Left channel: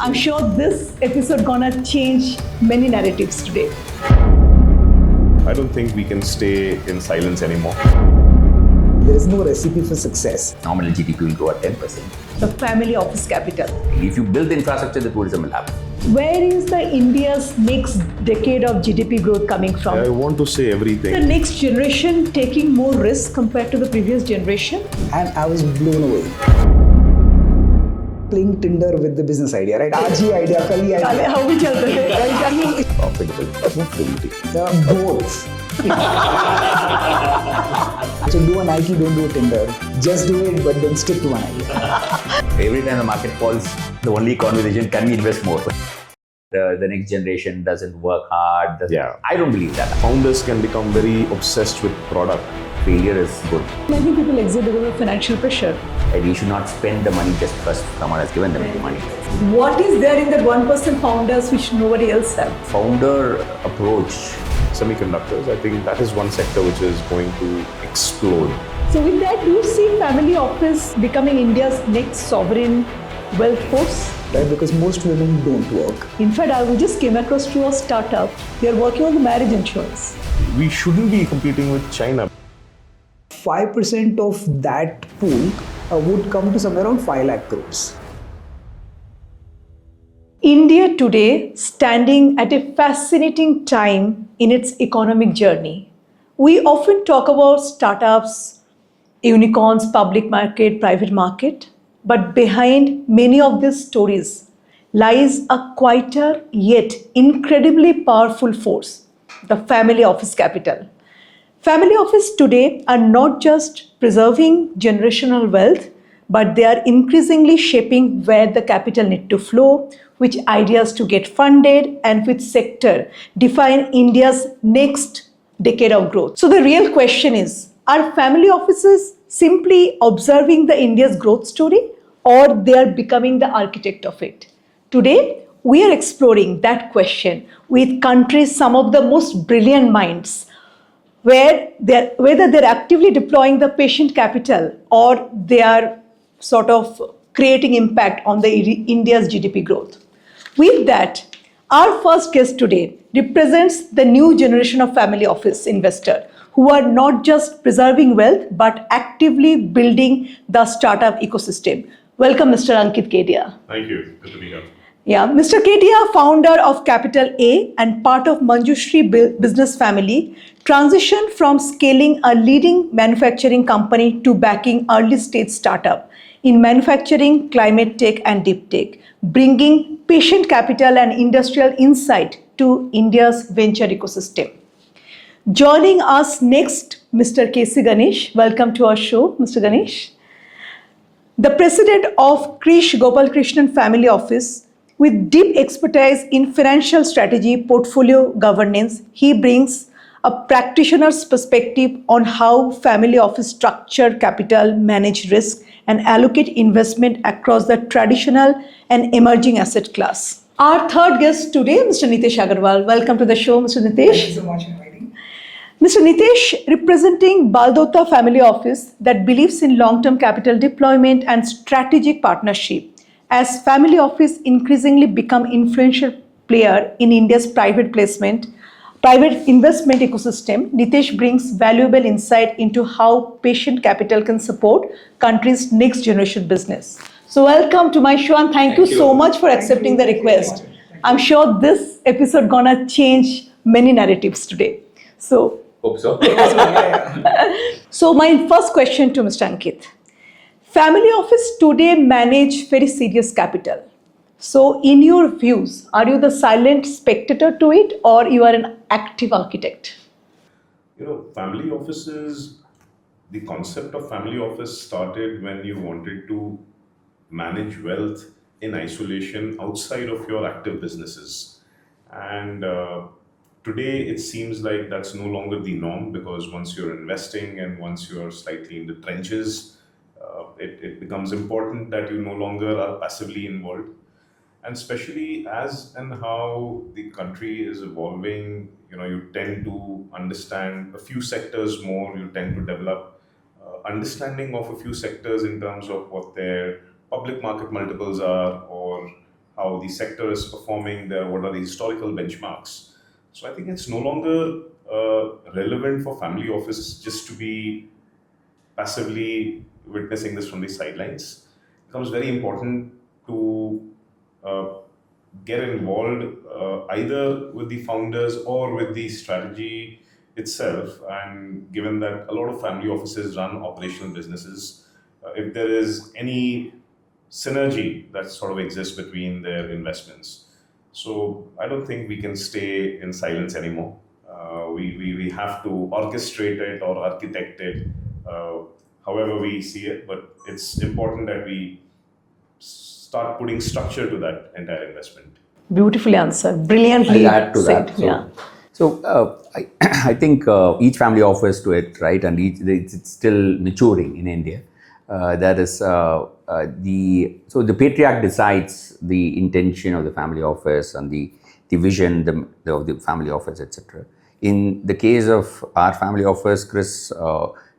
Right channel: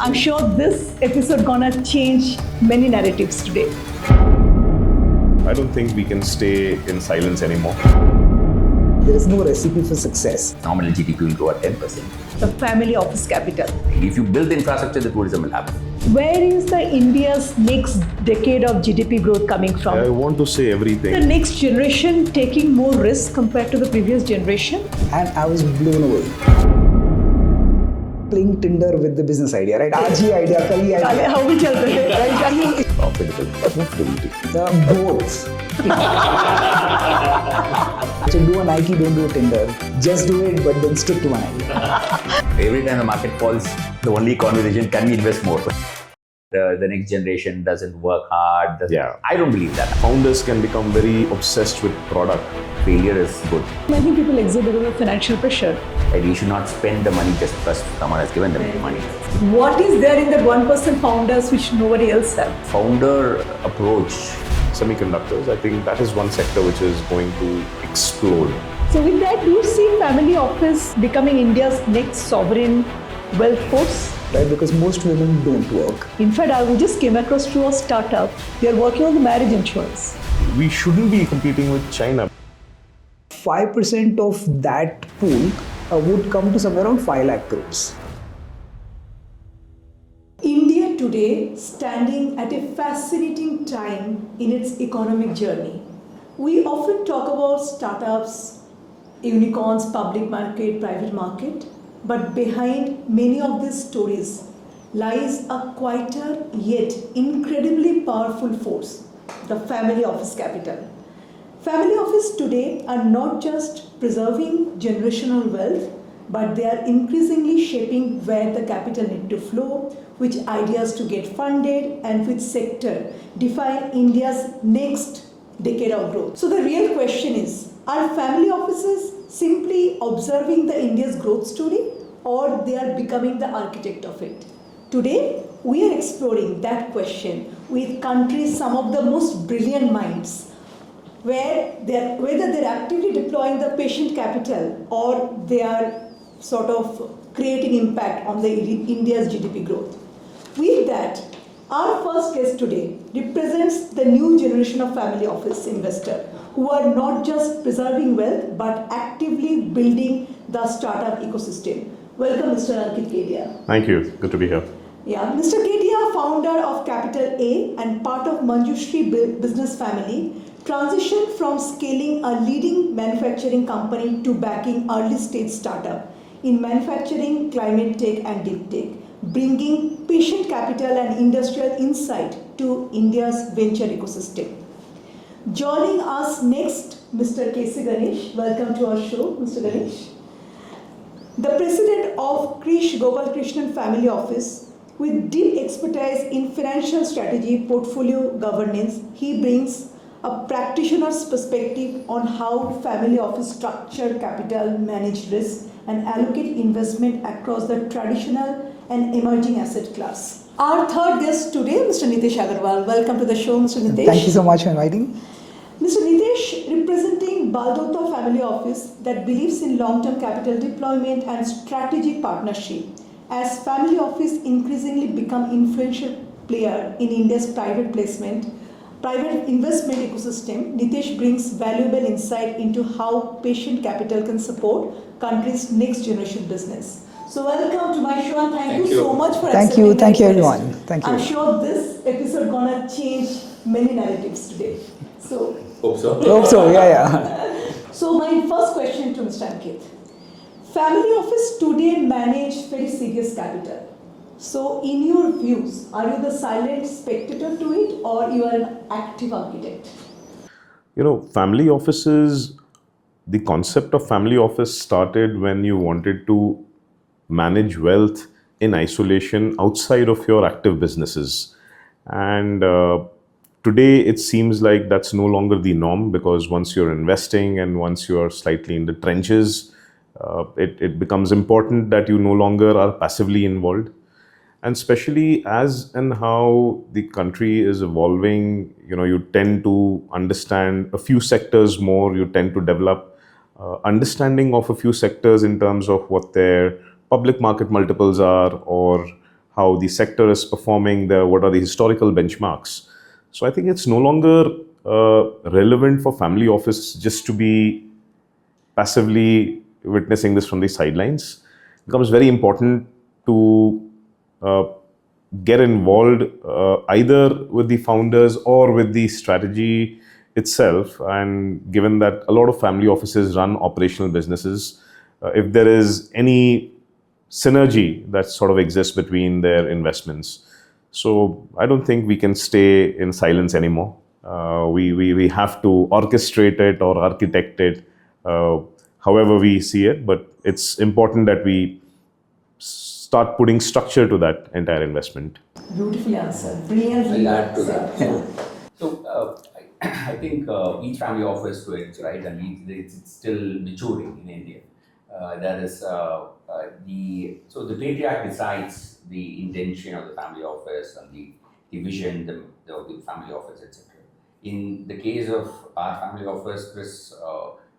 I'm sure this episode gonna change many narratives today. I don't think we can stay in silence anymore. There is no recipe for success. Nominal GDP will grow at 10%. The family office capital. If you build the infrastructure, the tourism will happen. Where is the India's next decade of GDP growth coming from? I want to say everything. The next generation taking more risk compared to the previous generation. And I was blown away. Playing Tinder with the business idea, right? Aaj hi idea, kal hi idea. How we tell them, right? I mean, Profitability. Both. So do a Nike, don't do a Tinder. Just do it, but then stick to one idea. Every time the market falls, the only conversation, can we invest more? The next generation doesn't work hard. I don't believe that. Founders can become very obsessed with product. Failure is good. I think people exit because of financial pressure. And you should not spend the money just because someone has given them the money. What is there in the 1% founders which nobody else have? Founder approach. Semiconductors, I think that is one sector which is going to explode. So with that, do you see family office becoming India's next sovereign wealth force? Right? Because most women don't work. In fact, I just came across to a startup. They are working on the marriage insurance. We shouldn't be competing with China. 5% of that pool would come to somewhere around 5 lakh crores. India today standing at a fascinating time in its economic journey. We often talk about startups, unicorns, public market, private market, but behind many of these stories lies a quieter yet incredibly powerful force, the family office capital. Family office today are not just preserving generational wealth, but they are increasingly shaping where the capital need to flow, which ideas to get funded, and which sector define India's next decade of growth. So the real question is, are family offices simply observing the India's growth story, or they are becoming the architect of it? Today, we are exploring that question with countries, some of the most brilliant minds, whether they're actively deploying the patient capital or they are sort of creating impact on the India's GDP growth. With that, our first guest today represents the new generation of family office investor who are not just preserving wealth but actively building the startup ecosystem. Welcome, Mr. Ankit Kedia. Thank you. Good to be here. Yeah, Mr. Kedia, founder of Capital A and part of Manjushri business family, transitioned from scaling a leading manufacturing company to backing early stage startup in manufacturing, climate tech and deep tech, bringing patient capital and industrial insight to India's venture ecosystem. Joining us next, Mr. Ganesh. Welcome to our show, Mr. Ganesh. The president of Krish Gopalkrishnan Family Office, with deep expertise in financial strategy, portfolio governance, he brings a practitioner's perspective on how family office structure capital, manage risk, and allocate investment across the traditional and emerging asset class. Our third guest today, Mr. Nitesh Agarwal. Welcome to the show, Mr. Nitesh. Thank you so much for inviting. Mr. Nitesh, representing Baldota Family Office that believes in long-term capital deployment and strategic partnership, as family office increasingly become influential player in India's private investment ecosystem, Nitesh brings valuable insight into how patient capital can support country's next generation business. So welcome to my show and thank you so much for accepting the request. Thank you. I'm sure this episode gonna change many narratives today. So Hope so. So my first question to Mr. Ankit. Family office today manage very serious capital. So in your views, are you the silent spectator to it or you are an active architect? You know, family offices, the concept of family office started when you wanted to manage wealth in isolation outside of your active businesses. And today it seems like that's no longer the norm, because once you're investing and once you're slightly in the trenches, it becomes important that you no longer are passively involved. And especially as and how the country is evolving, you know, you tend to understand a few sectors more, you tend to develop understanding of a few sectors in terms of what their public market multiples are, or how the sector is performing, what are the historical benchmarks. So I think it's no longer relevant for family office just to be passively witnessing this from the sidelines. It becomes very important to uh, get involved either with the founders or with the strategy itself. And given that a lot of family offices run operational businesses, if there is any synergy that sort of exists between their investments, so I don't think we can stay in silence anymore. We have to orchestrate it or architect it however we see it, but it's important that we start putting structure to that entire investment. Beautifully answered. Brilliantly I'll add to said. that. Yeah. I think each family offers to it, right? And it's still maturing in India. That is the patriarch decides the intention of the family office and the vision of the family office, etc. In the case of our family office, Chris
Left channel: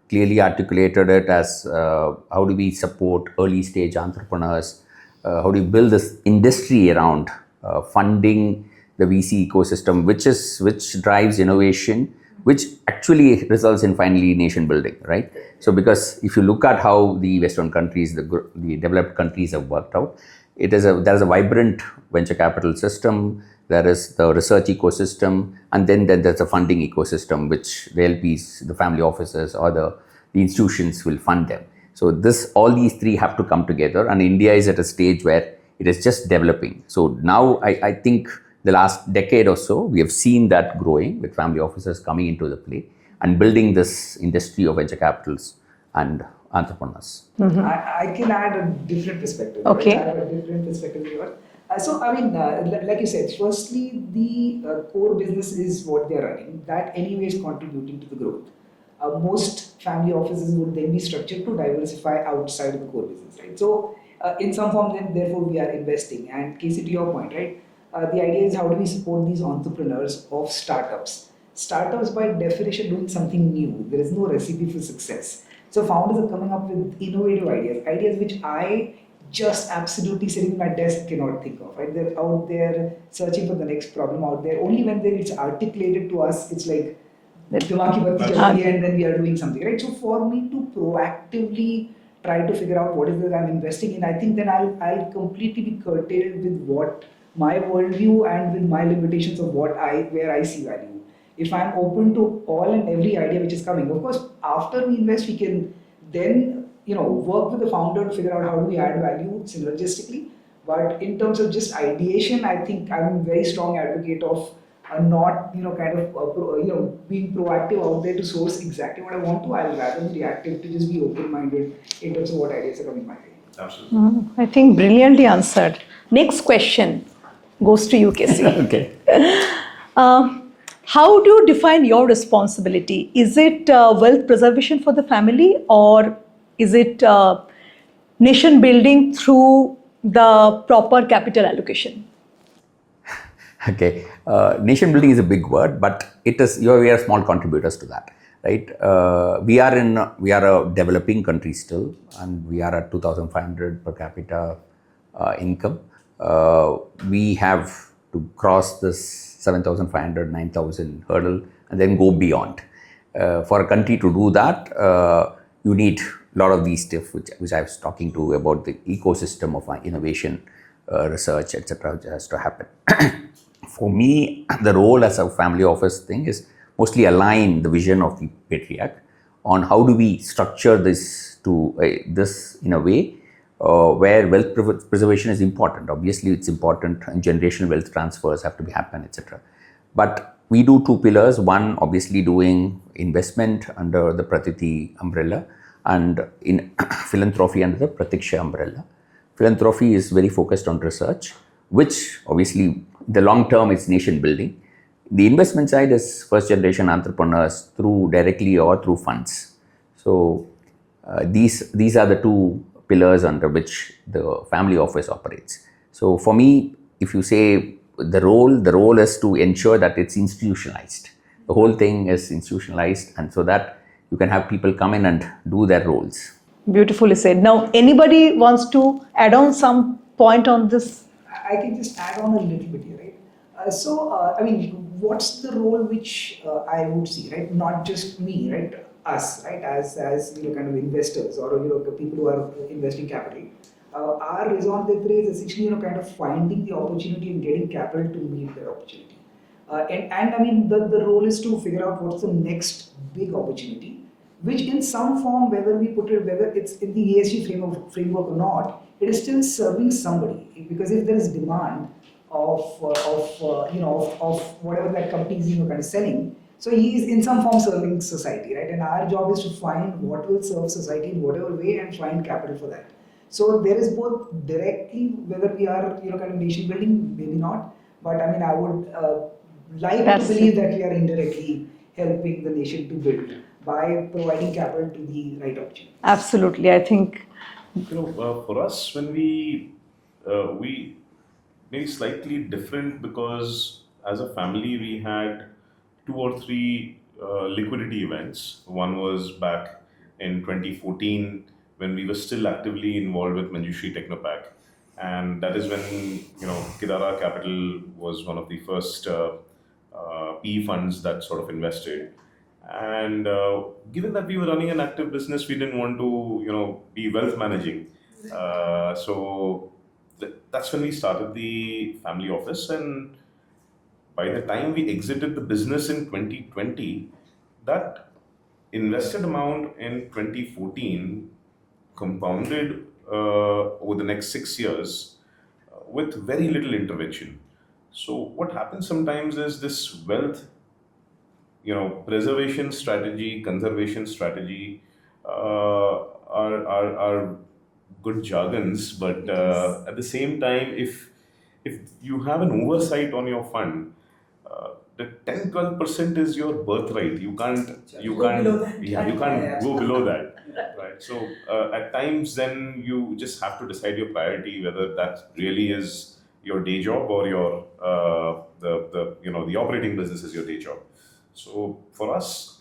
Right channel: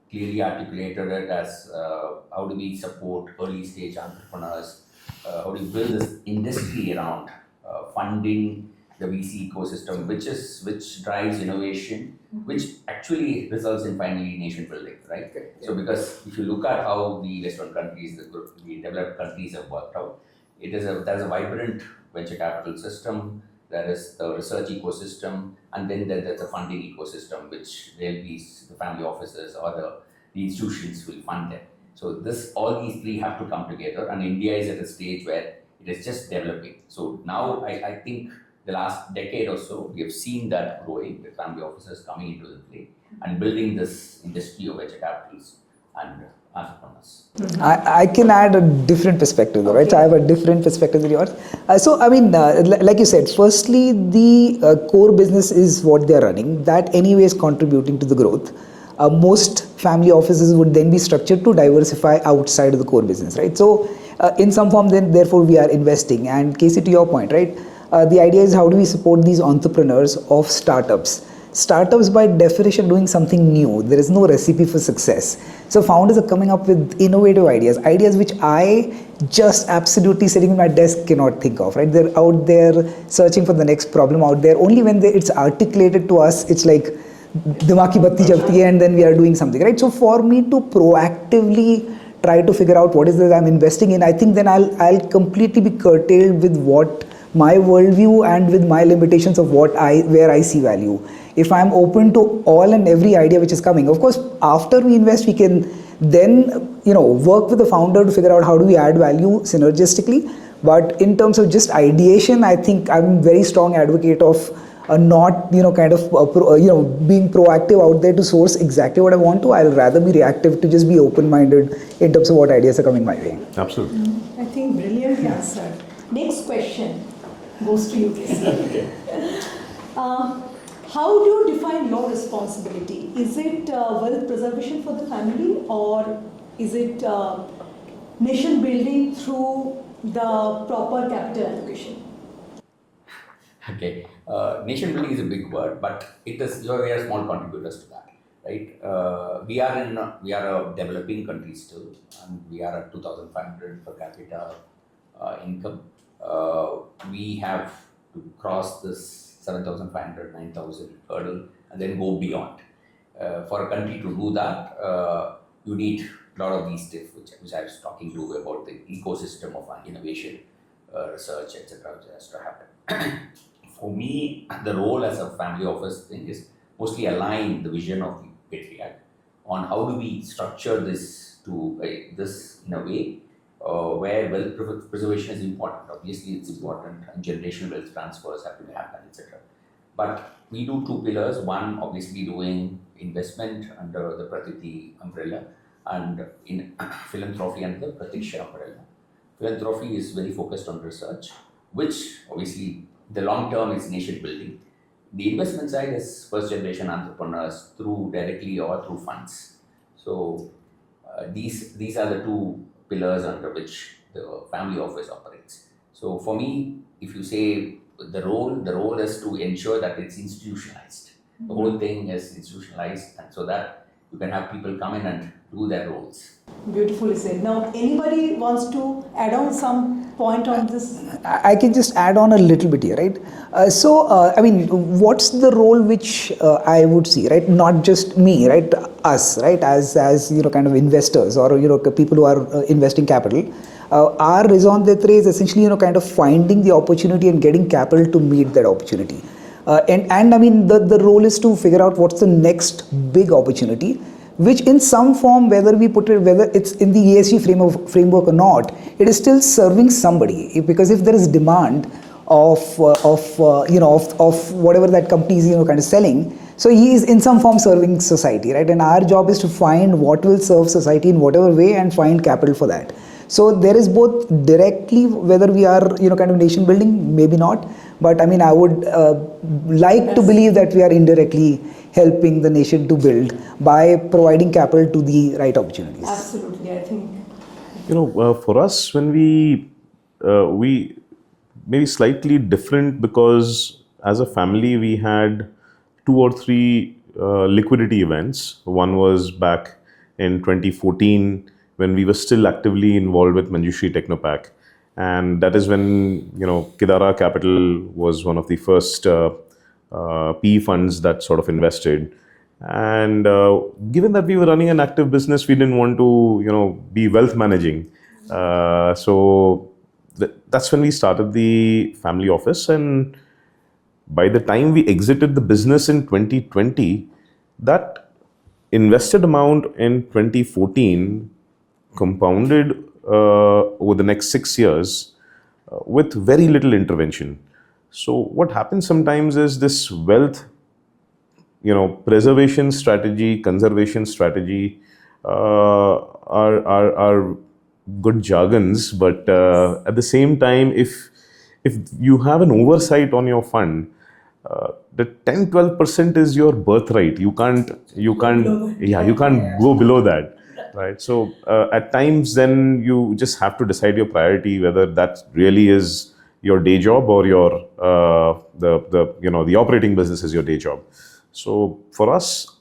clearly articulated it as how do we support early stage entrepreneurs, how do we build this industry around funding the VC ecosystem, which drives innovation, which actually results in finally nation building, right? So because if you look at how the Western countries, the developed countries have worked out, there is a vibrant venture capital system, there is the research ecosystem, and then there's a funding ecosystem, which the LPs, the family offices, or the institutions will fund them. So all these three have to come together, and India is at a stage where it is just developing. So now I think the last decade or so, we have seen that growing with family offices coming into the play and building this industry of venture capitals and entrepreneurs. I can add a different perspective, right? Okay. So I have a different perspective than yours. Like you said, firstly, the core business is what they're running. That anyway is contributing to the growth. Most family offices would then be structured to diversify outside of the core business, right? So in some form, then therefore we are investing. And Casey, to your point, right? The idea is how do we support these entrepreneurs of startups? Startups by definition doing something new. There is no recipe for success. So founders are coming up with innovative ideas which I just absolutely sitting in my desk cannot think of, right? They're out there searching for the next problem out there. Only when it's articulated to us, it's like dimag ki batti jalti hai and then we are doing something, right? So for me to proactively try to figure out what is it I'm investing in, I think then I'll completely be curtailed with what my worldview and with my limitations of where I see value. If I'm open to all and every idea which is coming, of course, after we invest, we can then work with the founder to figure out how do we add value synergistically. But in terms of just ideation, I think I'm a very strong advocate of not being proactive out there to source exactly what I want to. I'll rather be reactive to just be open-minded in terms of what ideas are coming my way. Absolutely. I think brilliantly answered. Next question goes to you, Casey. Okay. How do you define your responsibility? Is it wealth preservation for the family, or is it nation building through the proper capital allocation? Okay, nation building is a big word, but we are small contributors to that, right? We are a developing country still, and we are at 2,500 per capita income. We have to cross this 7,500, 9,000 hurdle and then go beyond. For a country to do that, you need a lot of these stuff, which I was talking to about the ecosystem of innovation, research, etc., which has to happen. For me, the role as a family office thing is mostly align the vision of the patriarch on how do we structure this in a way where wealth preservation is important. Obviously, it's important, and generational wealth transfers have to be happen, etc. But we do two pillars. One, obviously, doing investment under the Pratiti umbrella, and in philanthropy under the Pratiksha umbrella. Philanthropy is very focused on research, which obviously the long term is nation building. The investment side is first generation entrepreneurs through directly or through funds. So these are the two pillars under which the family office operates. So for me, if you say the role is to ensure that it's institutionalized. The whole thing is institutionalized, and so that you can have people come in and do their roles. Beautifully said. Now, anybody wants to add on some point on this? I can just add on a little bit here, right? I mean, what's the role which I would see, right? Not just me, right? Us, right? As kind of investors or people who are investing capital. Our raison d'etre is essentially kind of finding the opportunity and getting capital to meet that opportunity. And I mean, the role is to figure out what's the next big opportunity, which in some form, whether it's in the ESG framework or not, it is still serving somebody. Because if there is demand of whatever that company is kind of selling, so he is in some form serving society, right? And our job is to find what will serve society in whatever way and find capital for that. So there is both directly, whether we are kind of nation building, maybe not, but I mean, I would like to believe that we are indirectly helping the nation to build by providing capital to the right opportunities. Absolutely, I think. For us, when we maybe slightly different, because as a family we had 2 or 3 liquidity events. One was back in 2014 when we were still actively involved with Manjushri Technopack, and that is when Kedara Capital was one of the first PE funds that sort of invested. And given that we were running an active business, we didn't want to be wealth managing. So that's when we started the family office. And by the time we exited the business in 2020, that invested amount in 2014 compounded over the next 6 years with very little intervention. So what happens sometimes is this wealth, preservation strategy, conservation strategy are good jargons, but at the same time, if you have an oversight on your fund, the 10-12% is your birthright. You can't go below that. Right. So at times, then you just have to decide your priority, whether that really is your day job or your the operating business is your day job. So for us,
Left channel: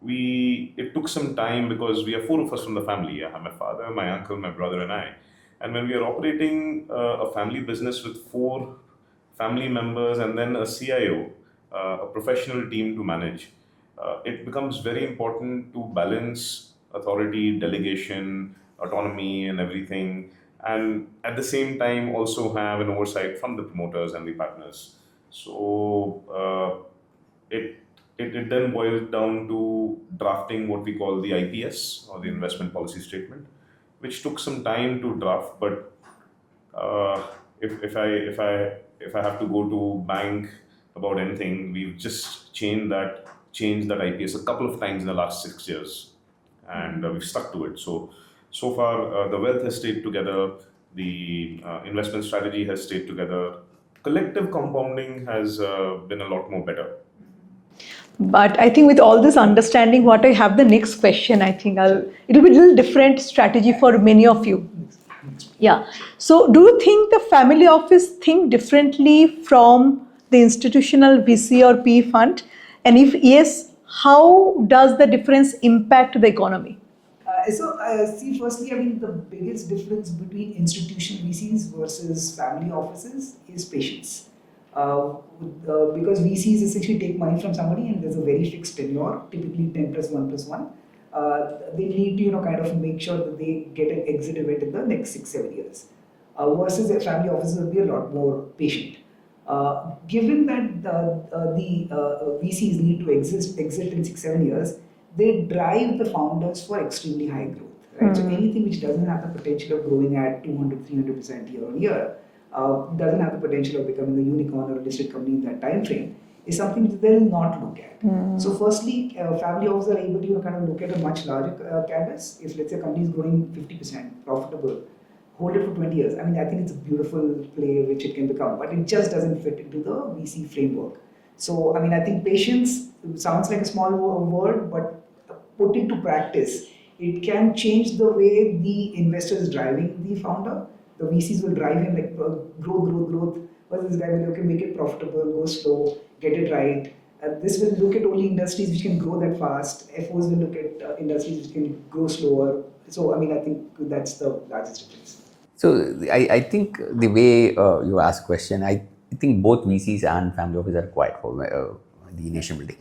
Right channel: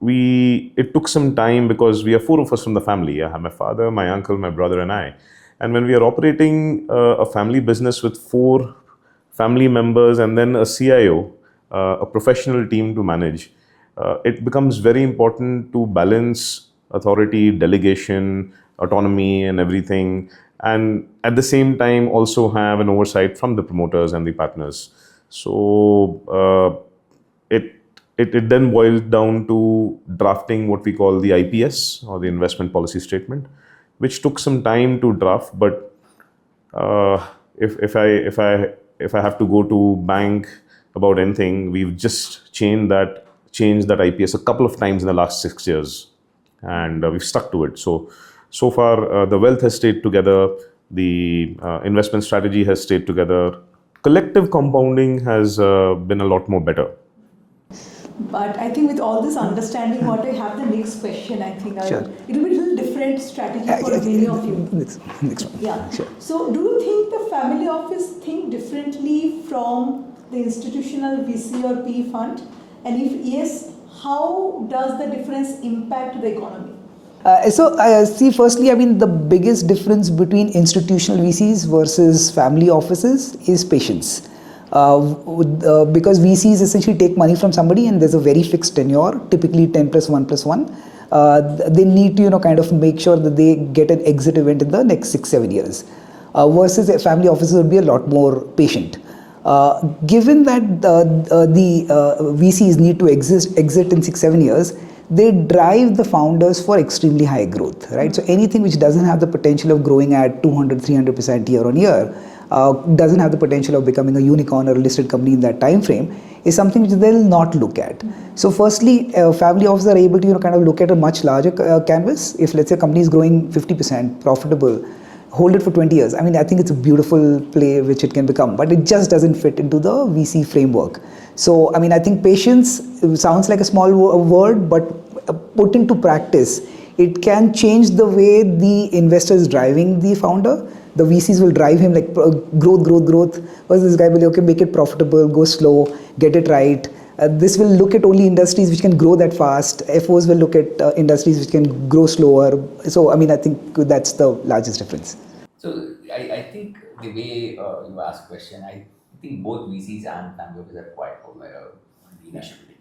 it took some time because we are 4 of us from the family. I have my father, my uncle, my brother, and I. And when we are operating a family business with 4 family members and then a CIO, a professional team to manage, it becomes very important to balance authority, delegation, autonomy, and everything, and at the same time also have an oversight from the promoters and the partners. So it then boils down to drafting what we call the IPS, or the investment policy statement, which took some time to draft. But if I have to go to bank about anything, we've just changed that IPS a couple of times in the last 6 years. And we've stuck to it. So far, the wealth has stayed together, the investment strategy has stayed together. Collective compounding has been a lot more better. But I think with all this understanding, what I have the next question, I think Sure. It'll be a little different strategy for many of you. Next one. Yeah. Sure. So do you think the family office think differently from the institutional VC or PE fund? And if yes, how does the difference impact the economy? See, firstly, I mean, the biggest difference between institutional VCs versus family offices is patience. Because VCs essentially take money from somebody and there's a very fixed tenure, typically 10 plus 1 plus 1. They need to, kind of make sure that they get an exit event in the next 6-7 years. Versus a family offices would be a lot more patient. Given that the VCs need to exit in 6-7 years, they drive the founders for extremely high growth, right? So anything which doesn't have the potential of growing at 200-300% year on year, doesn't have the potential of becoming a unicorn or a listed company in that time frame, is something which they'll not look at. So firstly, family offices are able to kind of look at a much larger canvas. If let's say a company is growing 50%, profitable, hold it for 20 years. I mean, I think it's a beautiful play which it can become, but it just doesn't fit into the VC framework. So, I mean, I think patience sounds like a small word, but put into practice, it can change the way the investor is driving the founder. The VCs will drive him like growth, versus this guy will okay, make it profitable, go slow, get it right. This will look at only industries which can grow that fast. FOs will look at industries which can grow slower. So, I mean, I think that's the largest difference. So I think the way you ask question, I think both VCs and family offices are quiet for the nation building.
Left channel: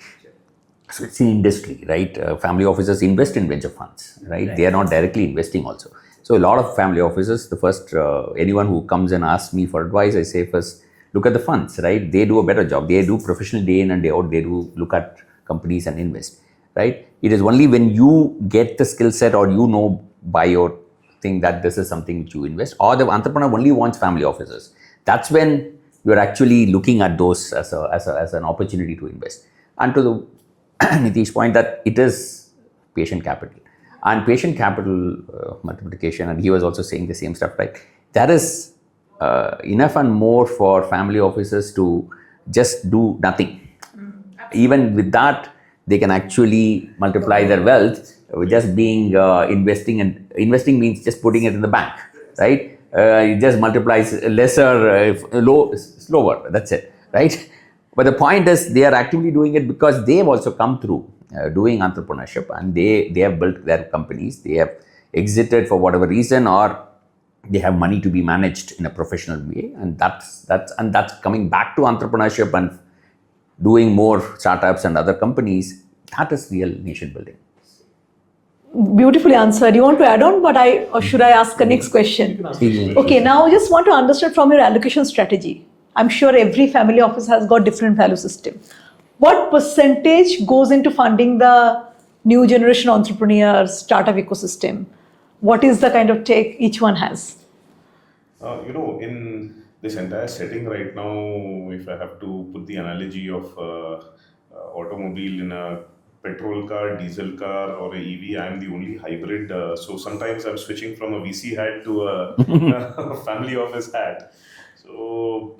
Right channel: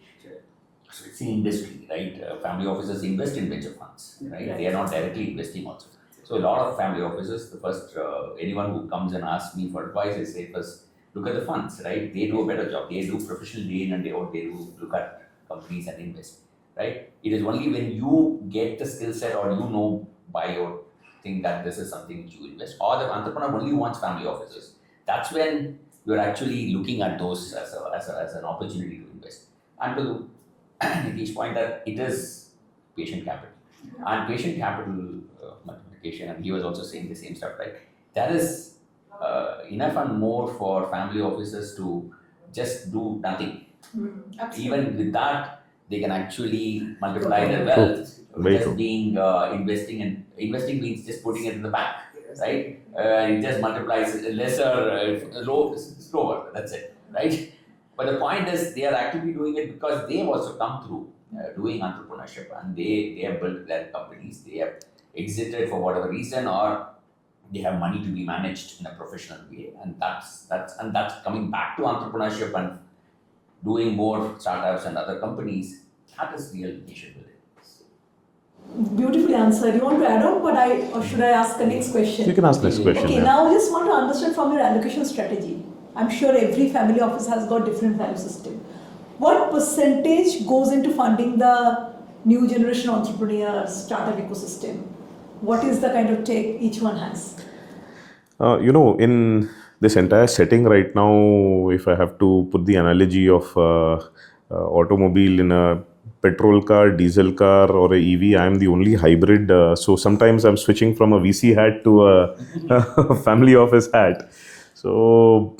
So it's an industry, right? Family offices invest in venture funds, right? They are not directly investing also. So a lot of family offices, the first, anyone who comes and asks me for advice, I say first, look at the funds, right? They do a better job. They do professional day in and day out. They do look at companies and invest, right? It is only when you get the skill set or you know by your thing that this is something which you invest, or the entrepreneur only wants family offices. That's when you're actually looking at those as an opportunity to invest. And to the Nitesh point that it is patient capital and patient capital multiplication, and he was also saying the same stuff, right? That is enough and more for family offices to just do nothing. Even with that, they can actually multiply their wealth with just being investing, and investing means just putting it in the bank, right? It just multiplies lesser, slower. That's it, right? But the point is, they are actively doing it because they have also come through doing entrepreneurship, and they have built their companies. They have exited for whatever reason, or they have money to be managed in a professional way, and that's coming back to entrepreneurship and doing more startups and other companies. That is real nation building. Beautifully answered. You want to add on, or should I ask the next question? You can ask this question. Okay, now I just want to understand from your allocation strategy. I'm sure every family office has got different value system. What percentage goes into funding the new generation entrepreneurs, startup ecosystem? What is the kind of take each one has? In this entire setting right now, if I have to put the analogy of automobile in a petrol car, diesel car, or a EV, I am the only hybrid. So sometimes I'm switching from a VC hat to a family office hat. So,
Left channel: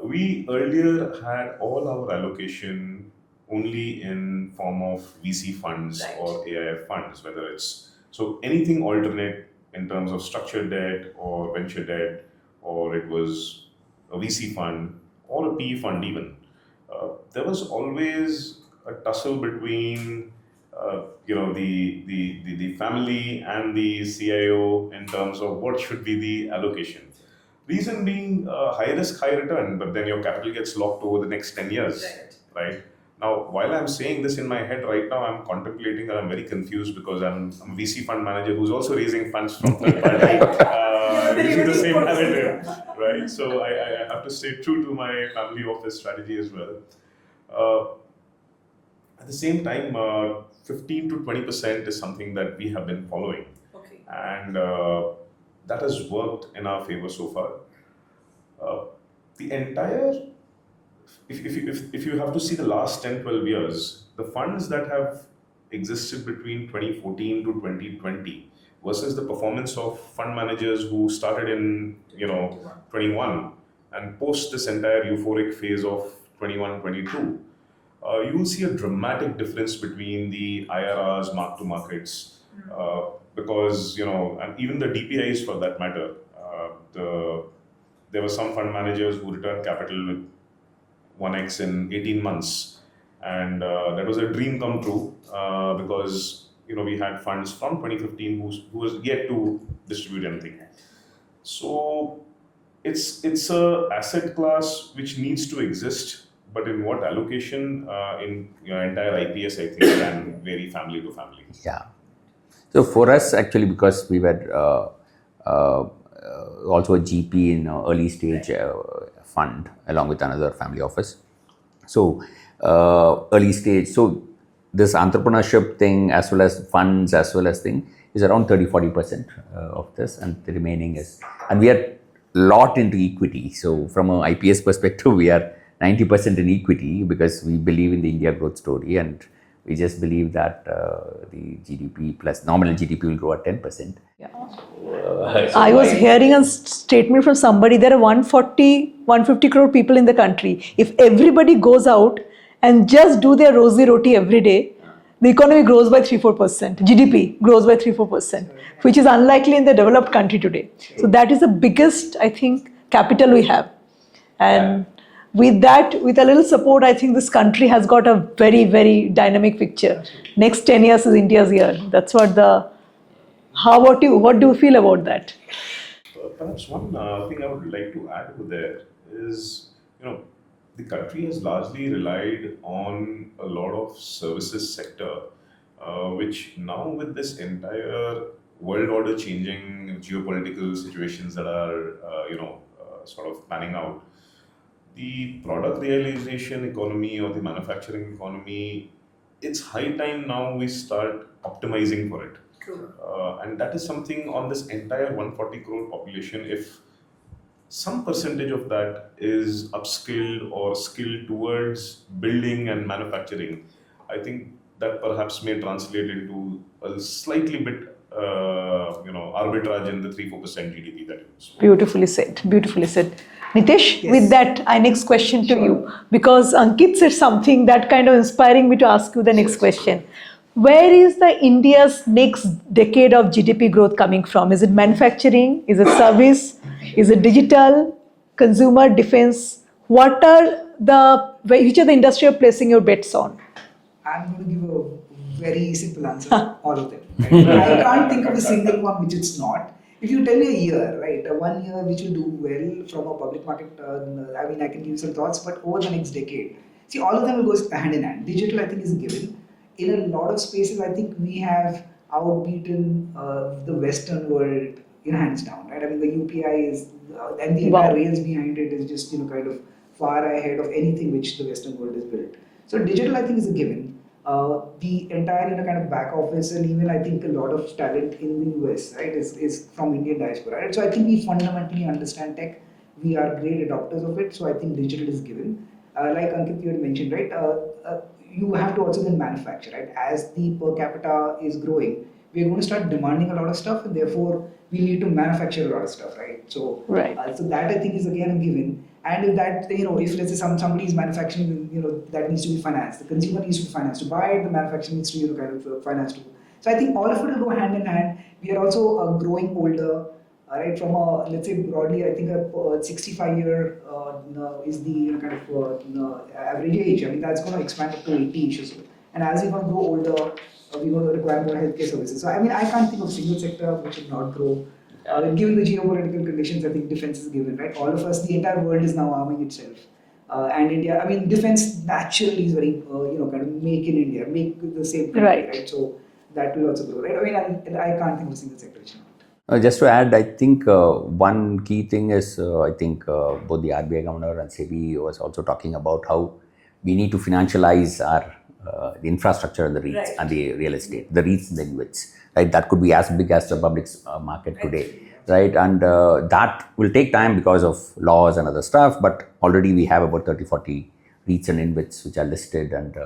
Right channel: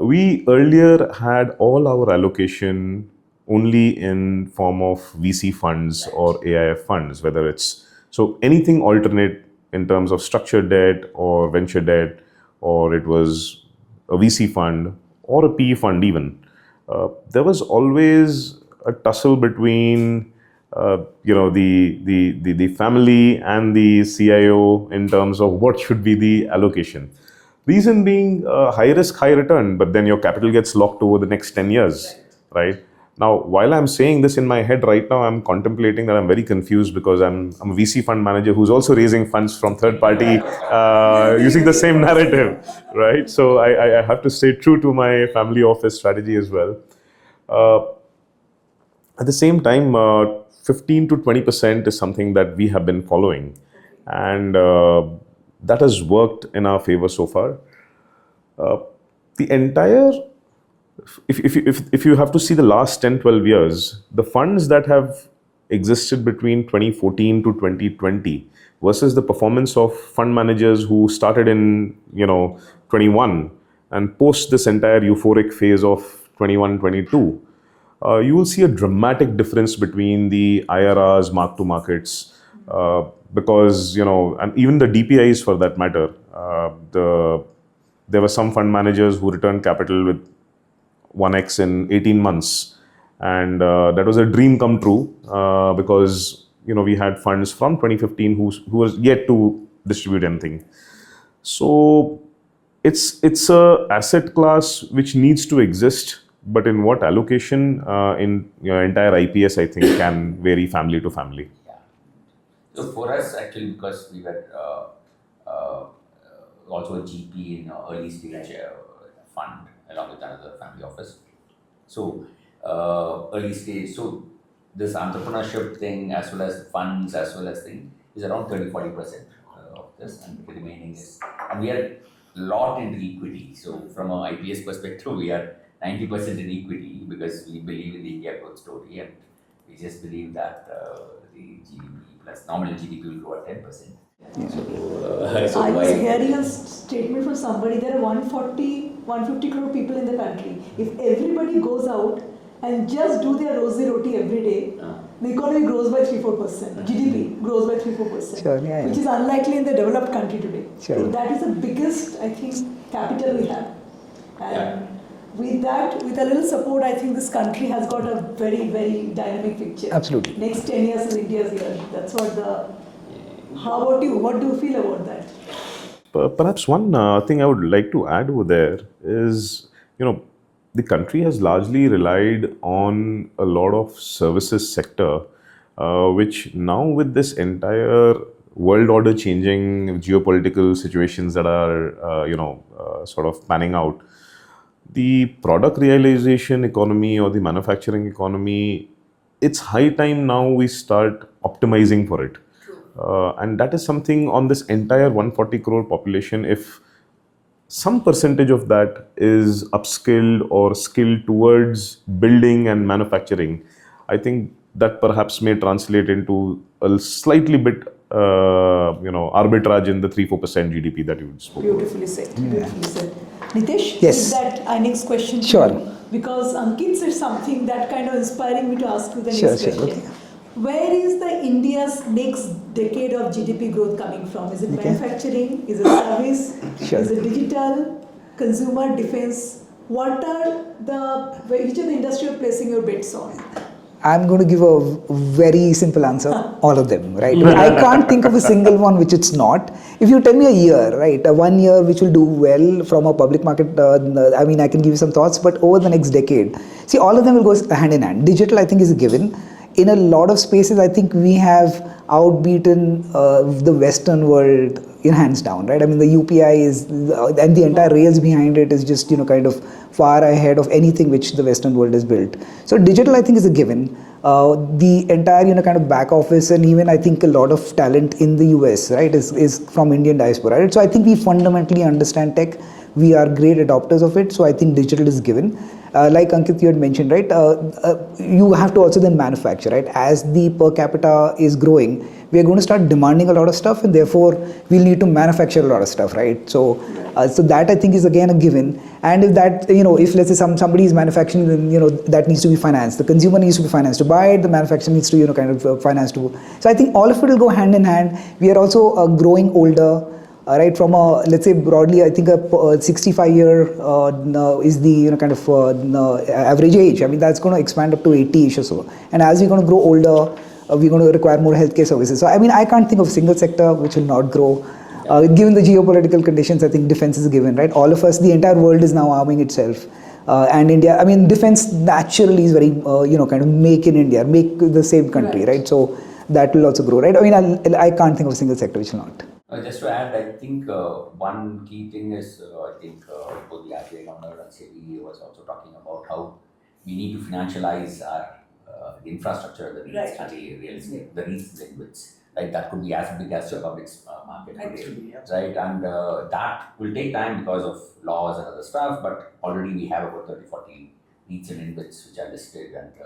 we earlier had all our allocation only in form of VC funds or AIF funds, whether it's, so anything alternate in terms of structured debt or venture debt, or it was a VC fund or a PE fund even. There was always a tussle between the family and the CIO in terms of what should be the allocation. Reason being high risk, high return, but then your capital gets locked over the next 10 years, right? Now, while I'm saying this in my head right now, I'm contemplating that I'm very confused because I'm a VC fund manager who's also raising funds from third party using the same narrative, right? So I have to stay true to my family office strategy as well. At the same time, 15 to 20% is something that we have been following. And that has worked in our favor so far. The entire, if you have to see the last 10, 12 years, the funds that have existed between 2014 to 2020 versus the performance of fund managers who started in 21 and post this entire euphoric phase of 21, 22, you will see a dramatic difference between the IRRs, mark to markets, because and even the DPIs for that matter. There were some fund managers who returned capital with 1x in 18 months, and that was a dream come true because we had funds from 2015 who was yet to distribute anything. So it's a asset class which needs to exist, but in what allocation in entire IPS, I think, can vary family to family. Yeah. So for us, actually, because we were also a GP in early stage fund along with another family office. So early stage, so this entrepreneurship thing as well as funds as well as thing is around 30-40% of this, and the remaining is, and we are lot into equity. So from an IPS perspective, we are 90% in equity because we believe in the India growth story, and we just believe that the GDP plus nominal GDP will grow at 10%. Yeah. I was hearing a statement from somebody, there are 150 crore people in the country. If everybody goes out and just do their rosy roti every day, the economy grows by 3-4%. GDP grows by 3-4%, sure, yeah, which is unlikely in the developed country today. Sure. So that is the biggest, I think, capital we have. And with that, with a little support, I think this country has got a very, very dynamic picture. Absolutely. Next 10 years is India's year. That's what the How about you? What do you feel about that? Perhaps one thing I would like to add over there is, the country has largely relied on a lot of services sector, which now with this entire world order changing, geopolitical situations that are, sort of panning out, the product realization economy or the manufacturing economy, it's high time now we start optimizing for it. And that is something on this entire 140 crore population. If some percentage of that is upskilled or skilled towards building and manufacturing, I think that perhaps may translate into a slightly bit, arbitrage in the 3-4% GDP that you spoke. Beautifully said. Beautifully said. Nitesh, Yes. with that, I next question to Sure. you, because Ankit said something that kind of inspiring me to ask you the next Sure. question. Where is the India's next decade of GDP growth coming from? Is it manufacturing? Is it service? Sure. Is it digital? Consumer defense? Which are the industry you're placing your bets on? I'm going to give a very simple answer. All of them, right? I can't think of a single one which it's not. If you tell me a year, right, 1 year which will do well from a public market, I can give you some thoughts, but over the next decade, see, all of them will go hand in hand. Digital, I think, is a given. In a lot of spaces, I think we have outbeaten the Western world in hands down, right? I mean, the UPI is, and the entire rails behind it is just, kind of far ahead of anything which the Western world has built. So digital, I think, is a given. The entire, kind of back office, and even I think a lot of talent in the US, right, is from Indian diaspora, right? So I think we fundamentally understand tech. We are great adopters of it. So I think digital is given. Like Ankit, you had mentioned, right? You have to also then manufacture, right? As the per capita is growing, we are going to start demanding a lot of stuff, and therefore we'll need to manufacture a lot of stuff, right? So, so that I think is again a given. And if that, if let's say somebody is manufacturing, then that needs to be financed. The consumer needs to be financed to buy it. The manufacturer needs to, kind of finance to. So I think all of it will go hand in hand. We are also growing older. Right, from a, let's say broadly, I think a 65-year is the kind of average age. I mean, that's going to expand up to 80ish or so. And as we're going to grow older, we're going to require more healthcare services. So I mean, I can't think of a single sector which will not grow. Given the geopolitical conditions, I think defense is a given, right? All of us, the entire world is now arming itself. And India, I mean, defense naturally is very, kind of make in India, make the same country, right? So that will also grow, right? I mean, I can't think of a single sector which will not. Just to add, I think one key thing is, I think both the RBI governor and SEBI was also talking about how we need to financialize our the infrastructure and the REITs and the real estate, the REITs and the InvITs, right? That could be as big as the public market today, right? And that will take time because of laws and other stuff, but already we have about 30-40 REITs and InvITs which are listed and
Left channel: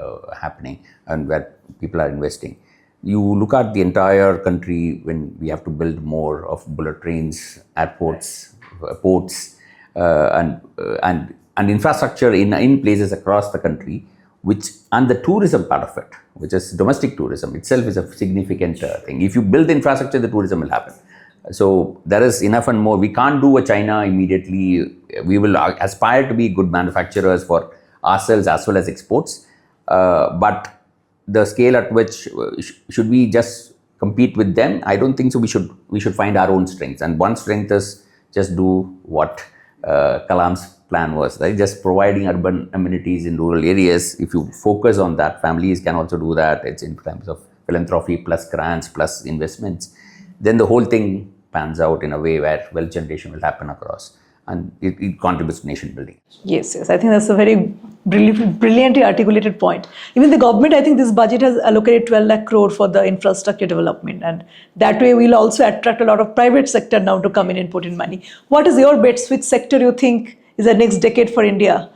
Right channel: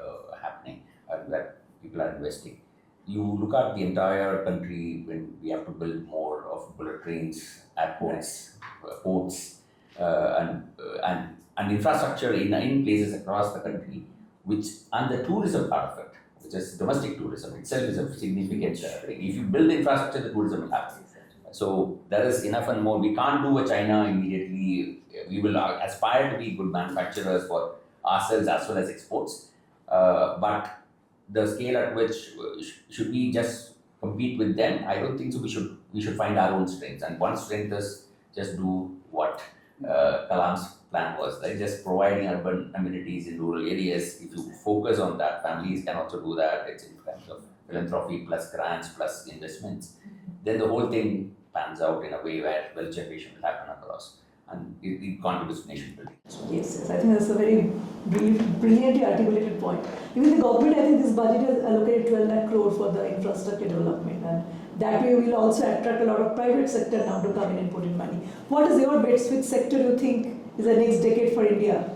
happening, and where people are investing. You look at the entire country when we have to build more of bullet trains, airports, ports, and infrastructure in places across the country, and the tourism part of it, which is domestic tourism itself, is a significant thing. If you build the infrastructure, the tourism will happen. So there is enough and more. We can't do a China immediately. We will aspire to be good manufacturers for ourselves as well as exports, but the scale at which should we just compete with them? I don't think so. We should find our own strengths, and one strength is just do what Kalam's plan was, right? Just providing urban amenities in rural areas. If you focus on that, families can also do that. It's in terms of philanthropy plus grants plus investments. Then the whole thing pans out in a way where wealth generation will happen across, and it contributes to nation building. Yes, I think that's a very brilliantly articulated point. Even the government, I think this budget has allocated 12 lakh crore for the infrastructure development, and that way we'll also attract a lot of private sector now to come in and put in money. What is your bets? Which sector you think is the next decade for India?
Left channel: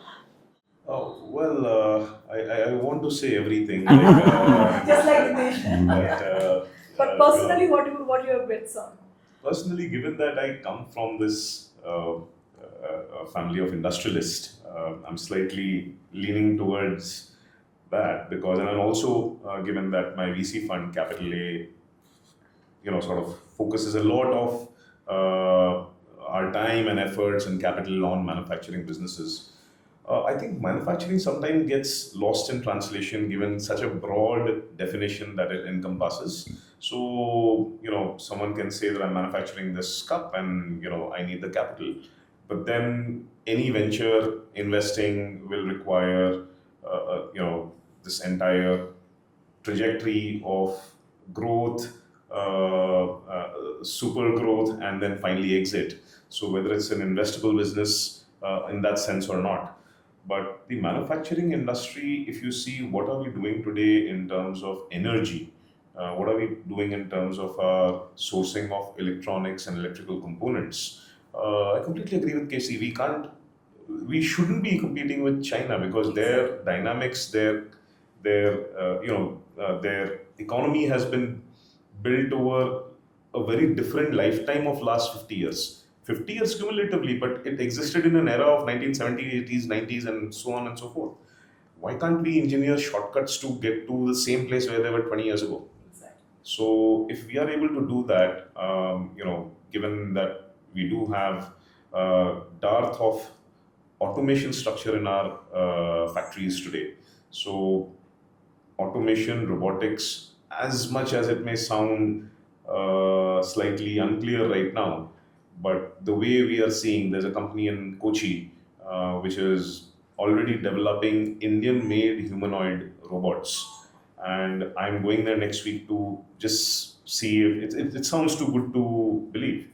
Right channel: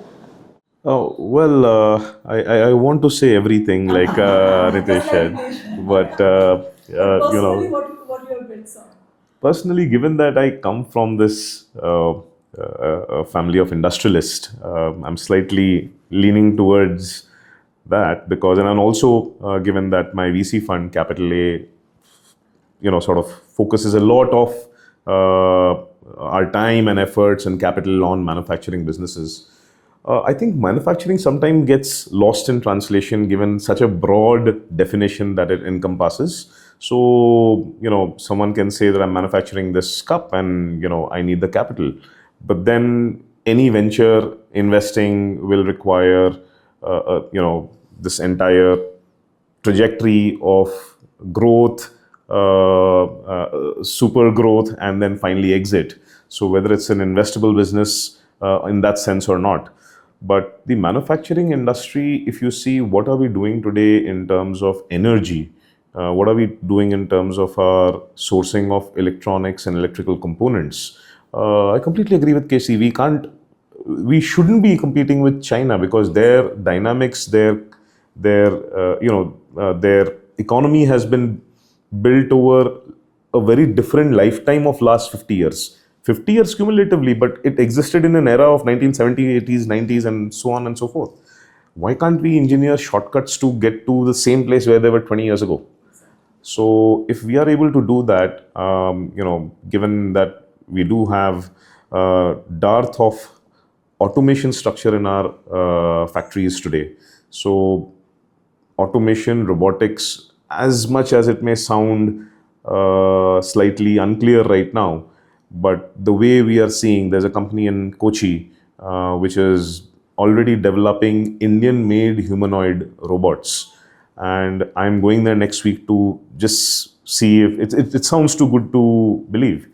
Oh, well, I want to say everything like Nitesh said, but personally, what are your bets on? Personally, given that I come from this a family of industrialists, I'm slightly leaning towards that because, and also given that my VC fund, Capital A, sort of focuses a lot of our time and efforts and capital on manufacturing businesses. I think manufacturing sometimes gets lost in translation given such a broad definition that it encompasses. So, someone can say that I'm manufacturing this cup and, I need the capital. But then any venture investing will require, this entire trajectory of growth, super growth, and then finally exit. So whether it's an investable business in that sense or not. But the manufacturing industry, if you see what are we doing today in terms of energy, what are we doing in terms of our sourcing of electronics and electrical components? I completely agree with KC. We shouldn't be competing with China because their dynamics, their economy has been built over a very different lifetime of last 50 years. 50 years cumulatively, but it existed in an era of 1970s, 80s, 90s, and so on and so forth. Why can't we engineer shortcuts to get to the same place where they were 20 years ago? So if we are able to do that, given that we do have dearth of automation structure in our factories today, so automation, robotics, as much as it may sound slightly unclear right now, but the way we are seeing, there's a company in Kochi which is already developing Indian-made humanoid robots, and I'm going there next week to just see if it sounds too good to believe.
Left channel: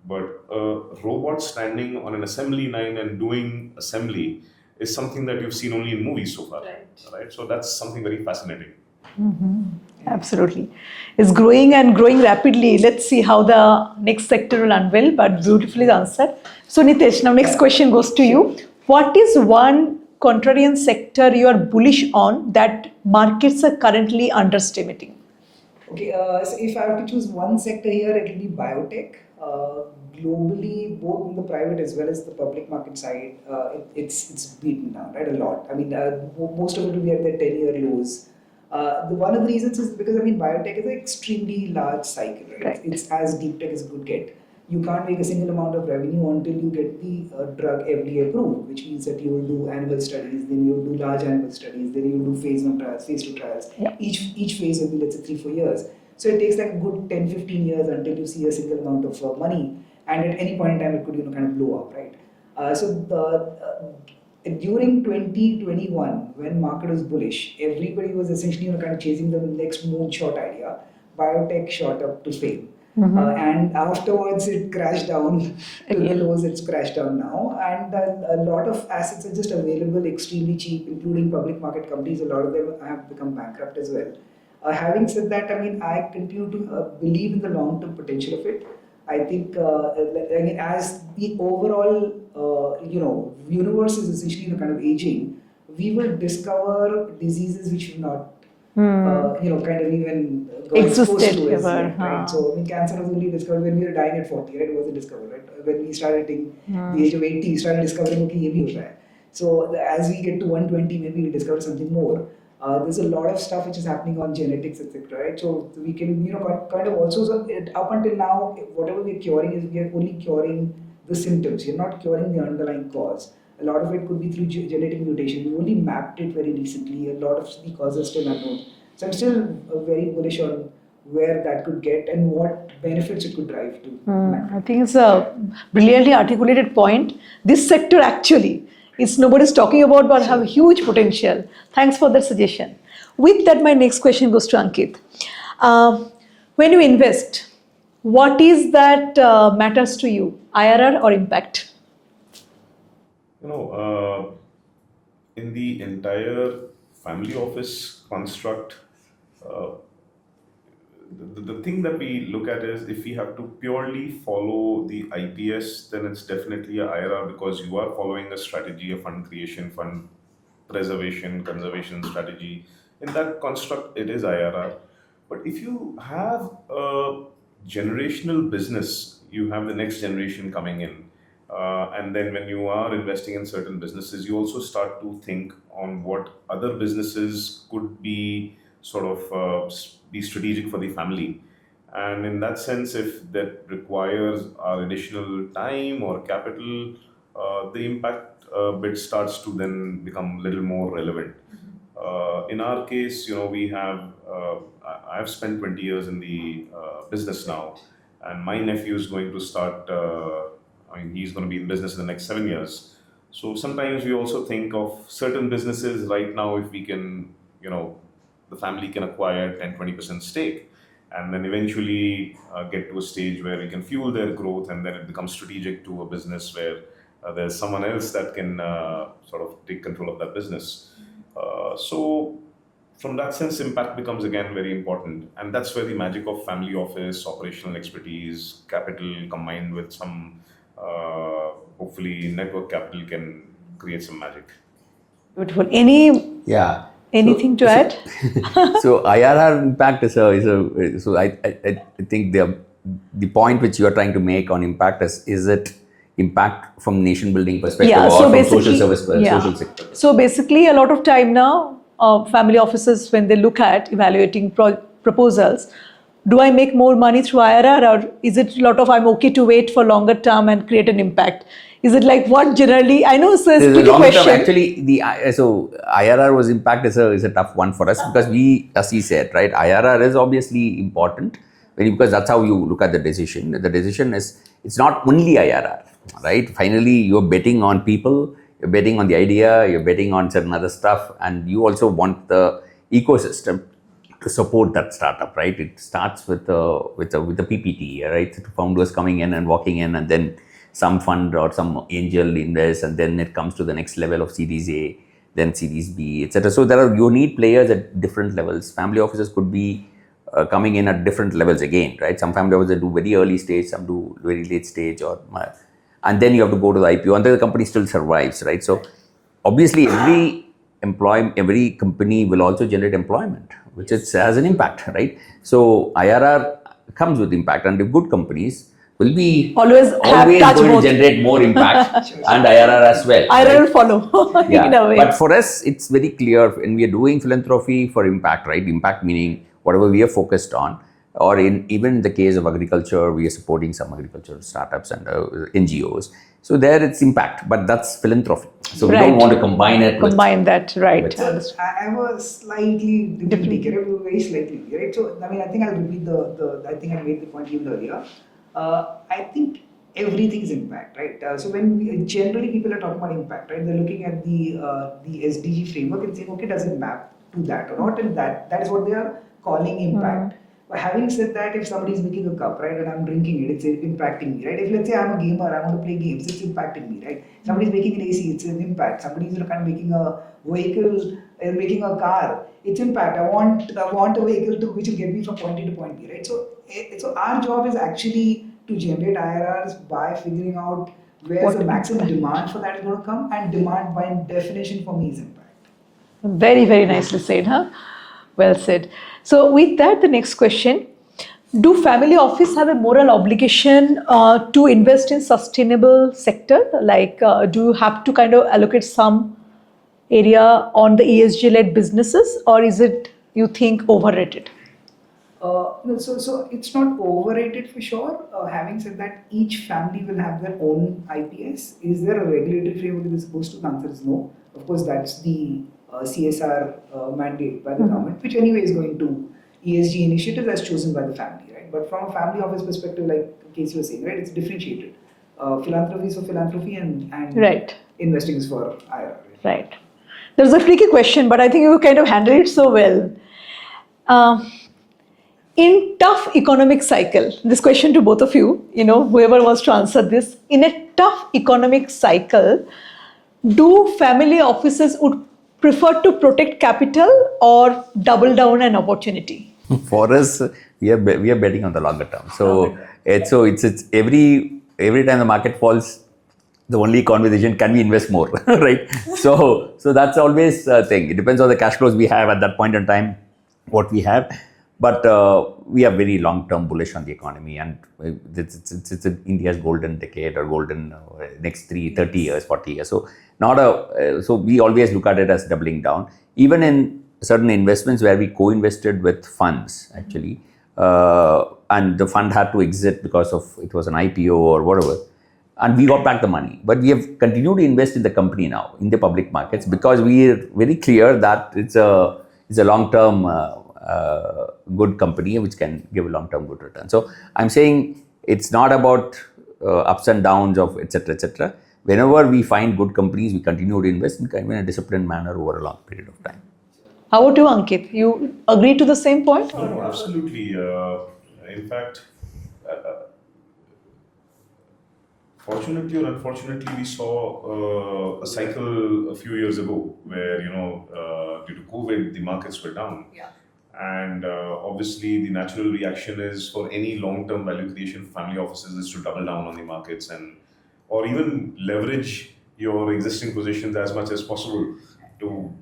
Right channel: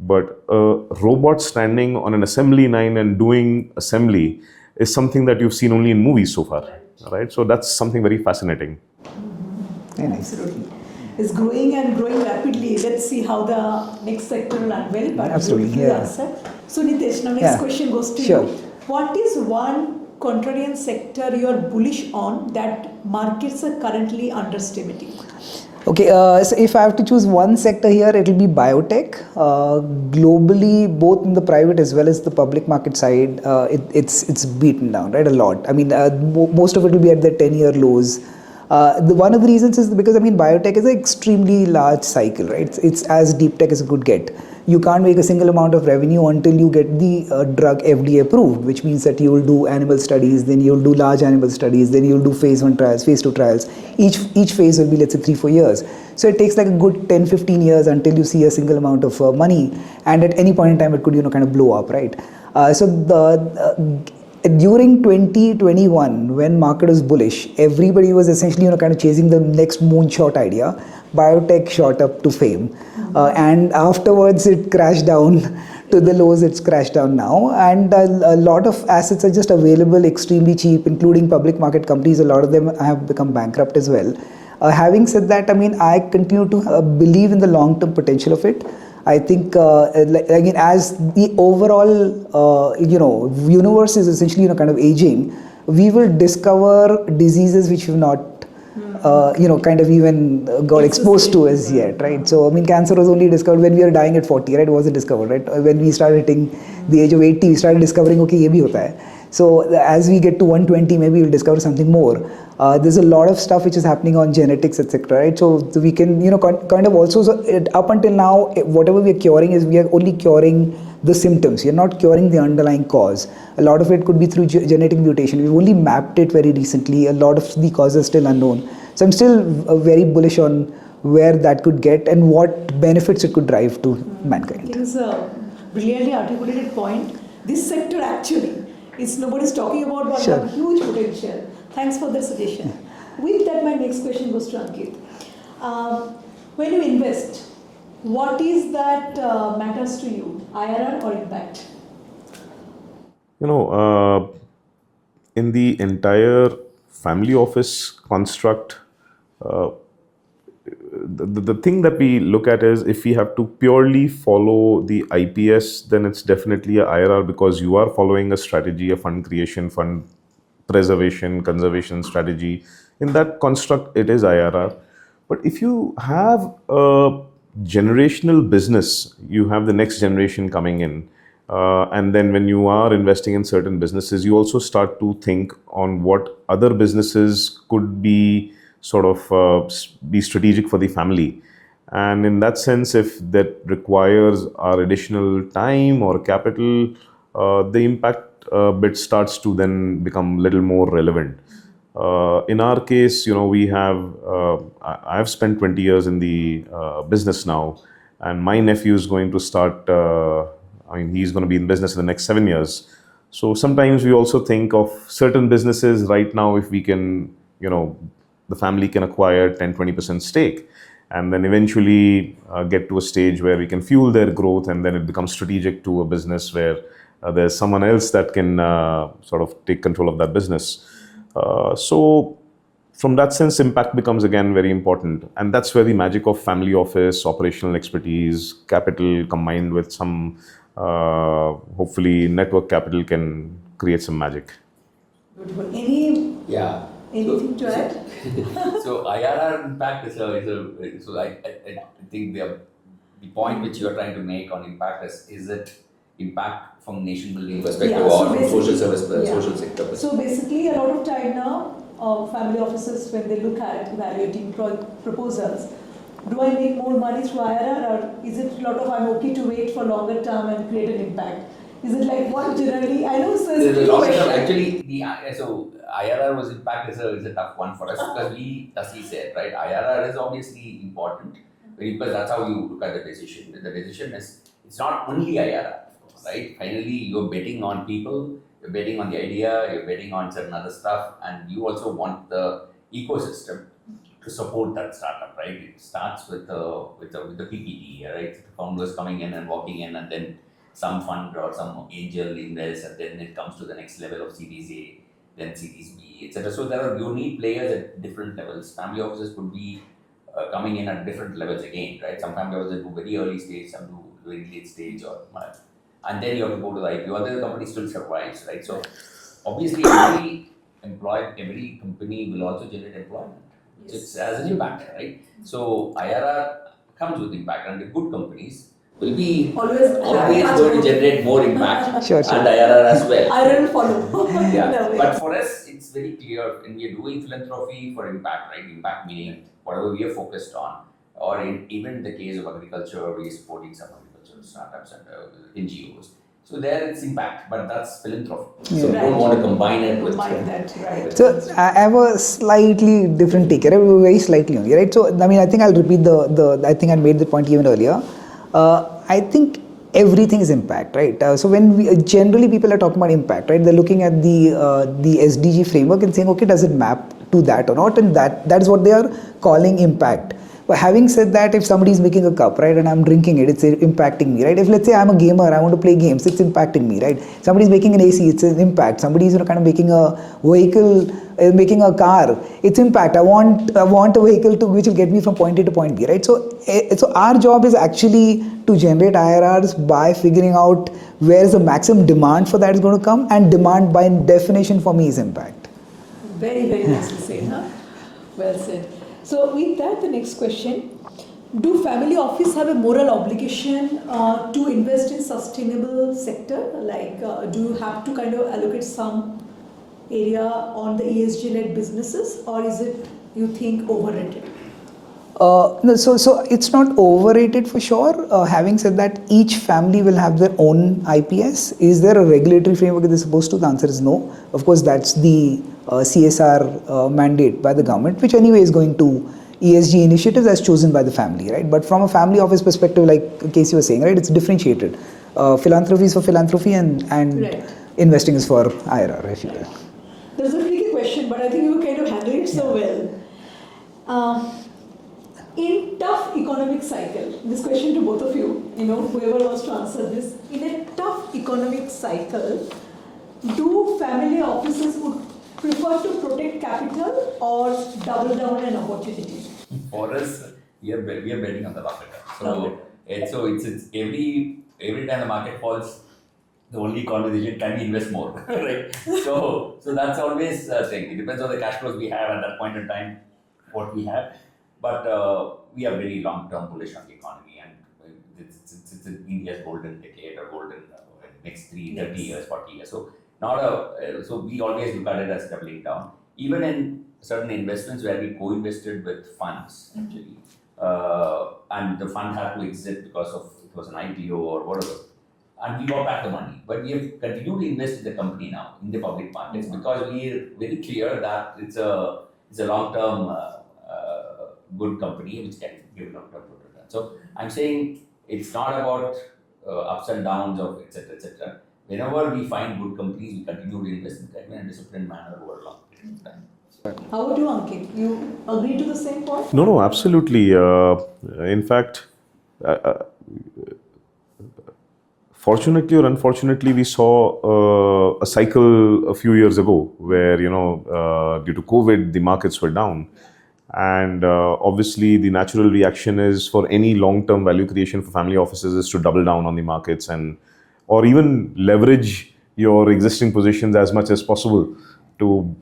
But a robot standing on an assembly line and doing assembly is something that you've seen only in movies so far, right? So that's something very fascinating. Absolutely. It's growing and growing rapidly. Let's see how the next sector will unveil, but Absolutely, beautifully yeah. answered. So Nitesh, now next Yeah. question goes to Sure. you. What is one contrarian sector you are bullish on that markets are currently underestimating? Okay, so if I have to choose one sector here, it will be biotech. Globally, both in the private as well as the public market side, it's beaten down, right, a lot. I mean, most of it will be at their 10-year lows. One of the reasons is because, biotech is an extremely large cycle, right? Right. It's as deep tech as it could get. You can't make a single amount of revenue until you get the drug FDA approved, which means that you will do animal studies, then you'll do large animal studies, then you'll do phase 1 trials, phase 2 trials. Yeah. Each phase will be, let's say, 3-4 years. So it takes like a good 10-15 years until you see a single amount of money, and at any point in time it could kind of blow up, right? During 2021, when market was bullish, everybody was essentially kind of chasing the next moonshot idea. Biotech shot up to fame, and afterwards it crashed down to the lows. It's crashed down now, and a lot of assets are just available extremely cheap, including public market companies. A lot of them have become bankrupt as well. Having said that, I continue to believe in the long-term potential of it. I think, again, as the overall, universe is essentially, kind of aging, we will discover diseases which we've not, kind of even got exposed to as yet, right? So, cancer was only discovered when we were dying at 40, right? It wasn't discovered, right? When we started hitting the age of 80, we started discovering, okay, ye bhi hota hai. So as we get to 120, maybe we'll discover something more. There's a lot of stuff which is happening on genetics, etc. Right? So we can, kind of also, up until now, whatever we are curing is we are only curing the symptoms. You're not curing the underlying cause. A lot of it could be through genetic mutation. We've only mapped it very recently. A lot of the causes are still unknown. So I'm still very bullish on where that could get and what benefits it could drive to mankind. I think it's a brilliantly articulated point. This sector actually, nobody's talking about, but have huge potential. Thanks for that suggestion. With that, my next question goes to Ankit. When you invest, what is that matters to you, IRR or impact? In the entire family office construct, the thing that we look at is if we have to purely follow the IPS, then it's definitely a IRR because you are following a strategy, a fund creation, fund preservation, conservation strategy. In that construct, it is IRR. But if you have a generational business, you have the next generation coming in. And then when you are investing in certain businesses, you also start to think on what other businesses could be sort of be strategic for the family. And in that sense, if that requires our additional time or capital, the impact bit starts to then become a little more relevant. In our case, we have, I've spent 20 years in the business now, and my nephew is going to start, he's going to be in business in the next 7 years. So sometimes we also think of certain businesses right now, if we can, the family can acquire 10-20% stake, and then eventually get to a stage where we can fuel their growth, and then it becomes strategic to a business where there's someone else that can sort of take control of that business. So from that sense, impact becomes again very important, and that's where the magic of family office, operational expertise, capital combined with some hopefully network capital can create some magic. Beautiful. Yeah. Anything to add? So IRR impact is so I think the point which you are trying to make on impact is it impact from nation building perspective or from social service social sector? So basically, a lot of time now, family offices, when they look at evaluating proposals, do I make more money through IRR, or is it a lot of I'm okay to wait for longer term and create an impact? Is it like what generally? I know it's a tricky question. Actually, so IRR was impact is a tough one for us because we, as he said, right, IRR is obviously important because that's how you look at the decision. The decision is, it's not only IRR, right? Finally, you're betting on people, you're betting on the idea, you're betting on certain other stuff, and you also want the ecosystem to support that startup, right? It starts with the PPT, right? Founders coming in and walking in, and then some fund or some angel invest, and then it comes to the next level of Series A, then Series B, etc. So you need players at different levels. Family offices could be coming in at different levels again, right? Some family offices do very early stage, some do very late stage, and then you have to go to the IPO, and then the company still survives, right? So obviously every company will also generate employment, which has an impact, right? So IRR comes with impact, and the good companies will be always going to generate more impact Sure. and IRR as well. IRR will follow in a way. But for us, it's very clear, and we are doing philanthropy for impact, right? Impact meaning whatever we are focused on, or even in the case of agriculture, we are supporting some agricultural startups and NGOs. So there it's impact, but that's philanthropy. So we don't want to combine it. That, right. So I have a slightly different take, right? Very slightly only, right? So I think I'll repeat I think I made the point even earlier. I think everything is impact, right? So when generally people are talking about impact, right? They're looking at the SDG framework and saying, okay, does it map to that or not? And that is what they are calling impact. But having said that, if somebody is making a cup, right, and I'm drinking it, it's impacting me, right? If let's say I'm a gamer, I want to play games, it's impacting me, right? Somebody's making an AC, it's an impact. Somebody's kind of making a vehicle, making a car, it's impact. I want a vehicle which will get me from point A to point B, right? So our job is actually to generate IRRs by figuring out where is the maximum demand for that is going to come, and demand by definition for me is impact. Very, very nicely said, huh? Well said. So with that, the next question, do family office have a moral obligation to invest in sustainable sector? Like, do you have to kind of allocate some area on the ESG-led businesses, or is it, you think, overrated? No, so it's not overrated for sure. Having said that, each family will have their own IPS. Is there a regulatory framework that they're supposed to? The answer is no. Of course, that's the CSR mandate by the government, which anyway is going to ESG initiatives as chosen by the family, right? But from a family office perspective, like Casey was saying, right, it's differentiated. Philanthropy is for philanthropy, and right. Investing is for IRR. Right. There's a tricky question, but I think you kind of handled it so well. In tough economic cycle, this question to both of you, whoever wants to answer this, in a tough economic cycle, do family offices would prefer to protect capital or double down an opportunity? For us, we are betting on the longer term. So it's every time the market falls, the only conversation, can we invest more, right? So that's always a thing. It depends on the cash flows we have at that point in time, what we have. But we are very long-term bullish on the economy, and it's India's golden decade or golden next 30 years, 40 years. So so we always look at it as doubling down. Even in certain investments where we co-invested with funds, actually, and the fund had to exit because of it was an IPO or whatever. and we got back the money. But we have continued to invest in the company now in the public markets because we are very clear that it's a long-term good company which can give a long-term good return. So I'm saying it's not about ups and downs of etc. etc. Whenever we find good companies, we continue to invest in a disciplined manner over a long period of time. How about you, Ankit? You agree to the same point? No, absolutely. In fact, fortunately or unfortunately, we saw a cycle a few years ago where, due to COVID, the markets were down. And obviously, the natural reaction is for any long-term value creation for family offices is to double down on the markets or even leverage your existing positions as much as possible to,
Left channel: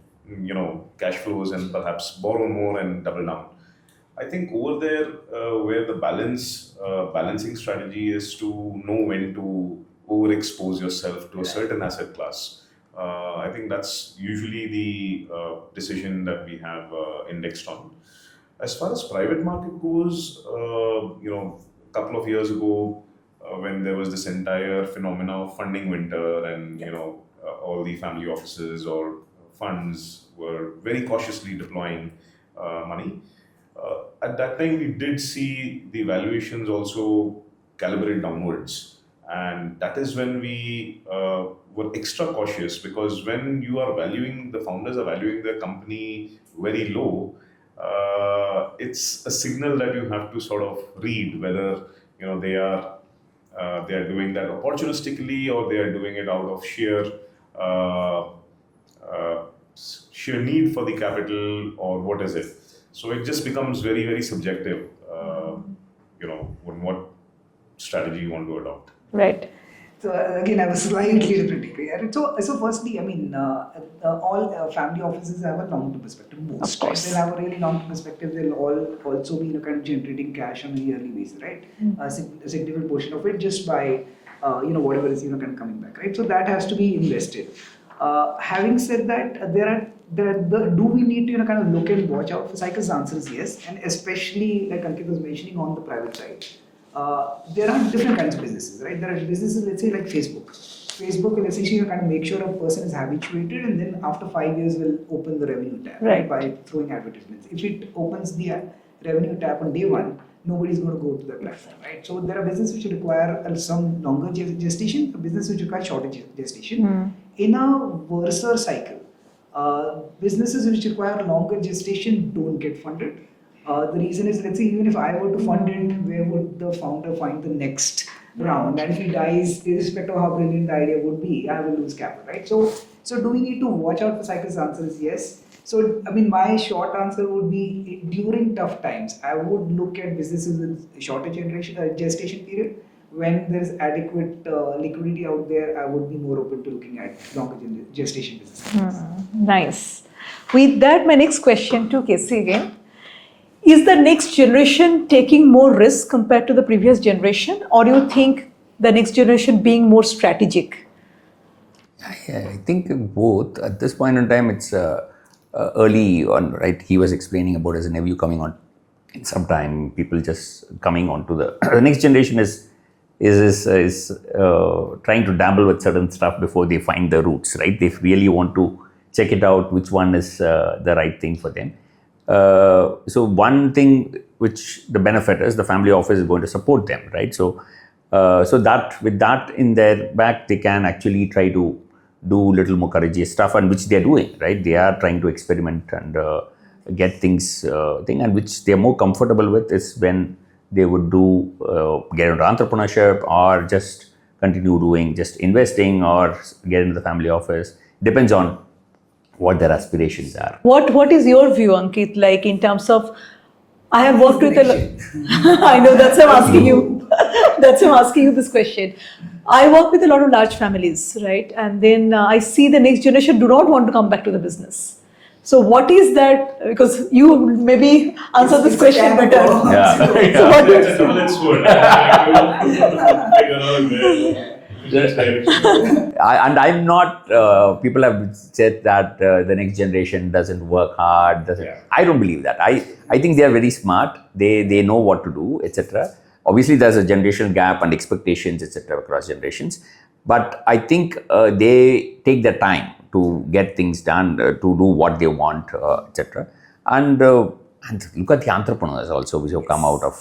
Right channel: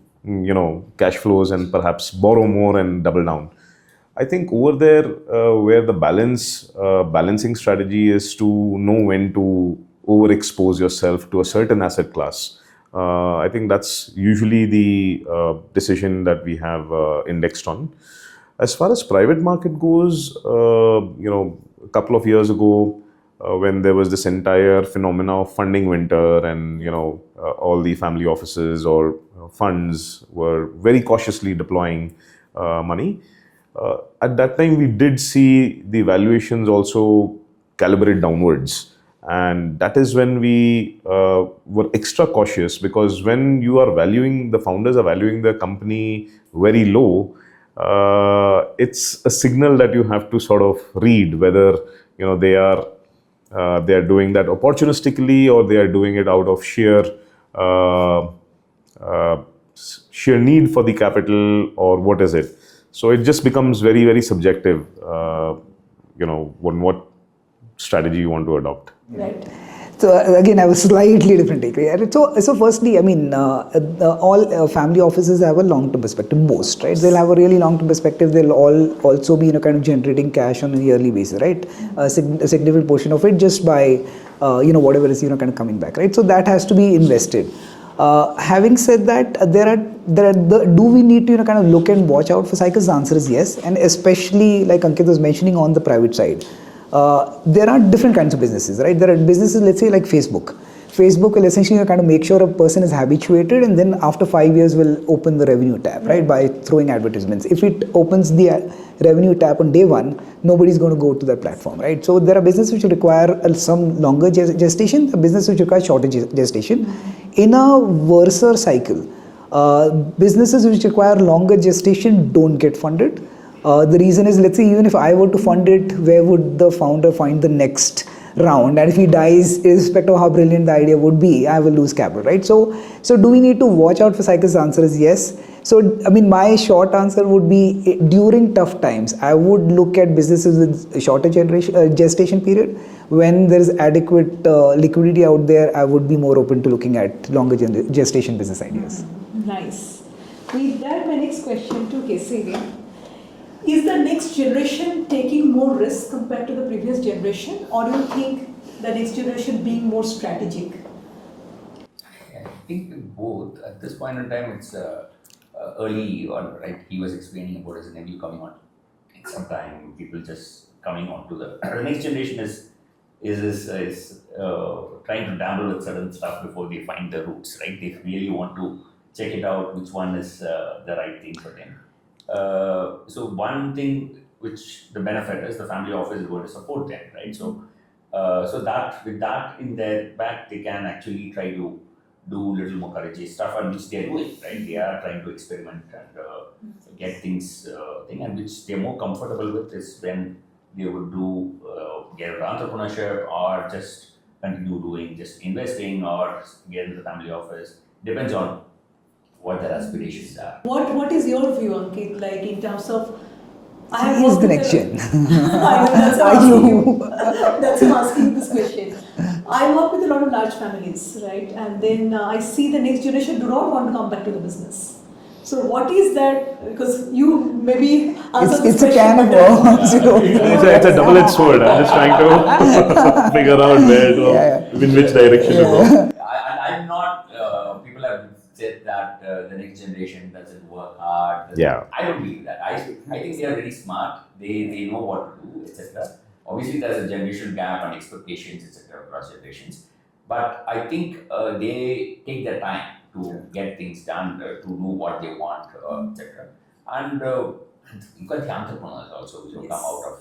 cash flows and perhaps borrow more and double down. I think over there, where the balancing strategy is to know when to overexpose yourself to a certain asset class. I think that's usually the decision that we have indexed on. As far as private market goes, a couple of years ago, when there was this entire phenomena of funding winter and, all the family offices or funds were very cautiously deploying money. At that time, we did see the valuations also calibrate downwards. And that is when we were extra cautious, because when the founders are valuing the company very low, it's a signal that you have to sort of read whether, they are doing that opportunistically or they are doing it out of sheer need for the capital, or what is it. So it just becomes very, very subjective, what strategy you want to adopt. Right. So again, I have a slightly different take. So firstly, I mean, all family offices have a long-term perspective. Most, right? They'll have a really long-term perspective. They'll all also be, kind of generating cash on a yearly basis, right? A significant portion of it just by, whatever is, kind of coming back, right? So that has to be invested. Having said that, do we need to, kind of look and watch out for cycles? The answer is yes, and especially like Ankit was mentioning on the private side. There are different kinds of businesses, right? There are businesses, let's say like Facebook. Facebook will essentially kind of make sure a person is habituated, and then after 5 years will open the revenue tab, right? By throwing advertisements. If it opens the revenue tab on day one, nobody's going to go to that platform, right? So there are businesses which require some longer gestation, a business which requires shorter gestation. In a Versa cycle, businesses which require longer gestation don't get funded. The reason is, let's say, even if I were to fund it, where would the founder find the next round? And if he dies, irrespective of how brilliant the idea would be, I will lose capital, right? So do we need to watch out for cycles? The answer is yes. So, I mean, my short answer would be, during tough times, I would look at businesses with a shorter gestation period. When there is adequate liquidity out there, I would be more open to looking at longer gestation business ideas. Nice. With that, my next question to Casey again. Is the next generation taking more risk compared to the previous generation, or do you think the next generation being more strategic? I think both. At this point in time, it's early on, right? He was explaining about his nephew coming on in some time, people just coming on to the next generation is trying to dabble with certain stuff before they find the roots, right? They really want to check it out, which one is the right thing for them. So one thing which the benefit is, the family office is going to support them, right? So that with that in their back, they can actually try to do little more courageous stuff, and which they're doing, right? They are trying to experiment and get things and which they're more comfortable with is when they would do get into entrepreneurship or just continue doing just investing or get into the family office. Depends on what their aspirations are. What is your view, Ankit? Like in terms of, I have worked with I know, that's why I'm asking you. That's why I'm asking you this question. I work with a lot of large families, right? And then I see the next generation do not want to come back to the business. So what is that? Because you maybe answer this question better. It's a double-edged sword. I'm just trying to figure out where, in which direction. I'm not, people have said that the next generation doesn't work hard. I don't believe that. I think they are very smart. They know what to do, etc. Obviously, there's a generation gap and expectations, etc., across generations. But I think they take their time to get things done, to do what they want, etc. And look at the entrepreneurs also, which have come out of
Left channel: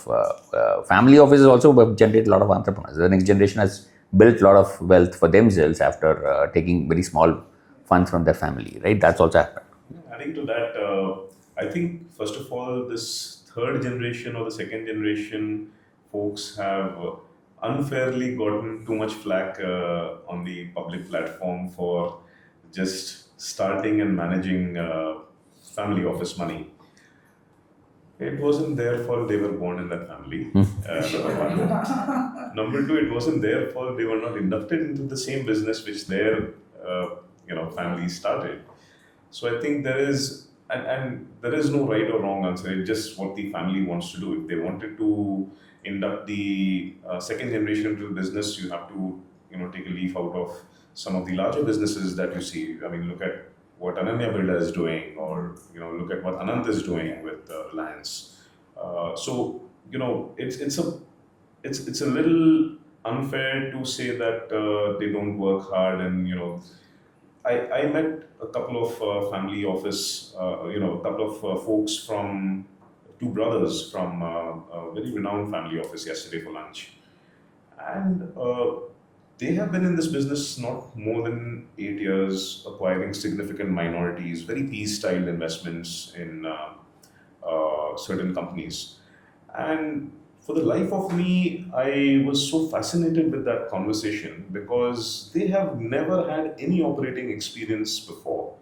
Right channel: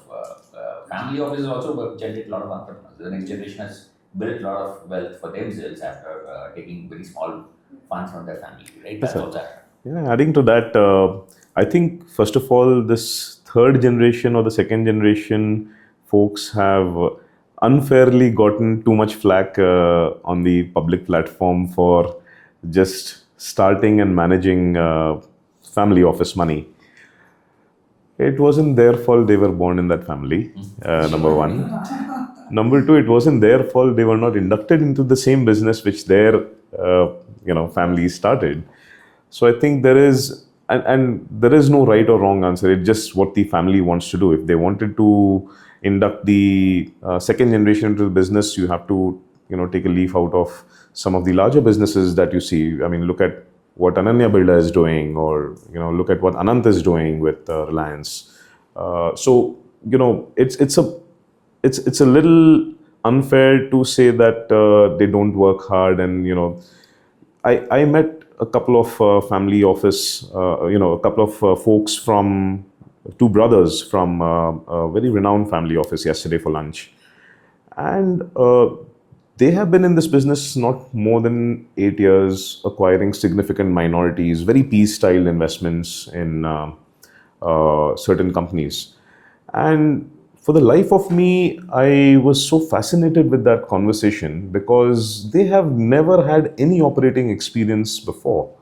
family offices also have generated a lot of entrepreneurs. The next generation has built a lot of wealth for themselves after taking very small funds from their family, right? That's also happened. Yeah, adding to that, I think first of all, this third generation or the second generation folks have unfairly gotten too much flack on the public platform for just starting and managing family office money. It wasn't their fault they were born in that family, number one. Number two, it wasn't their fault they were not inducted into the same business which their families started. So I think there is, and there is no right or wrong answer. It's just what the family wants to do. If they wanted to induct the second generation into the business, you have to, take a leaf out of some of the larger businesses that you see. I mean, look at what Ananya Builder is doing, or look at what Anant is doing with Reliance. So it's a little unfair to say that they don't work hard. And I met a couple of family office, a couple of folks from two brothers from a very renowned family office yesterday for lunch, and they have been in this business not more than 8 years, acquiring significant minorities, very PE-style investments in certain companies. And for the life of me, I was so fascinated with that conversation because they have never had any operating experience before.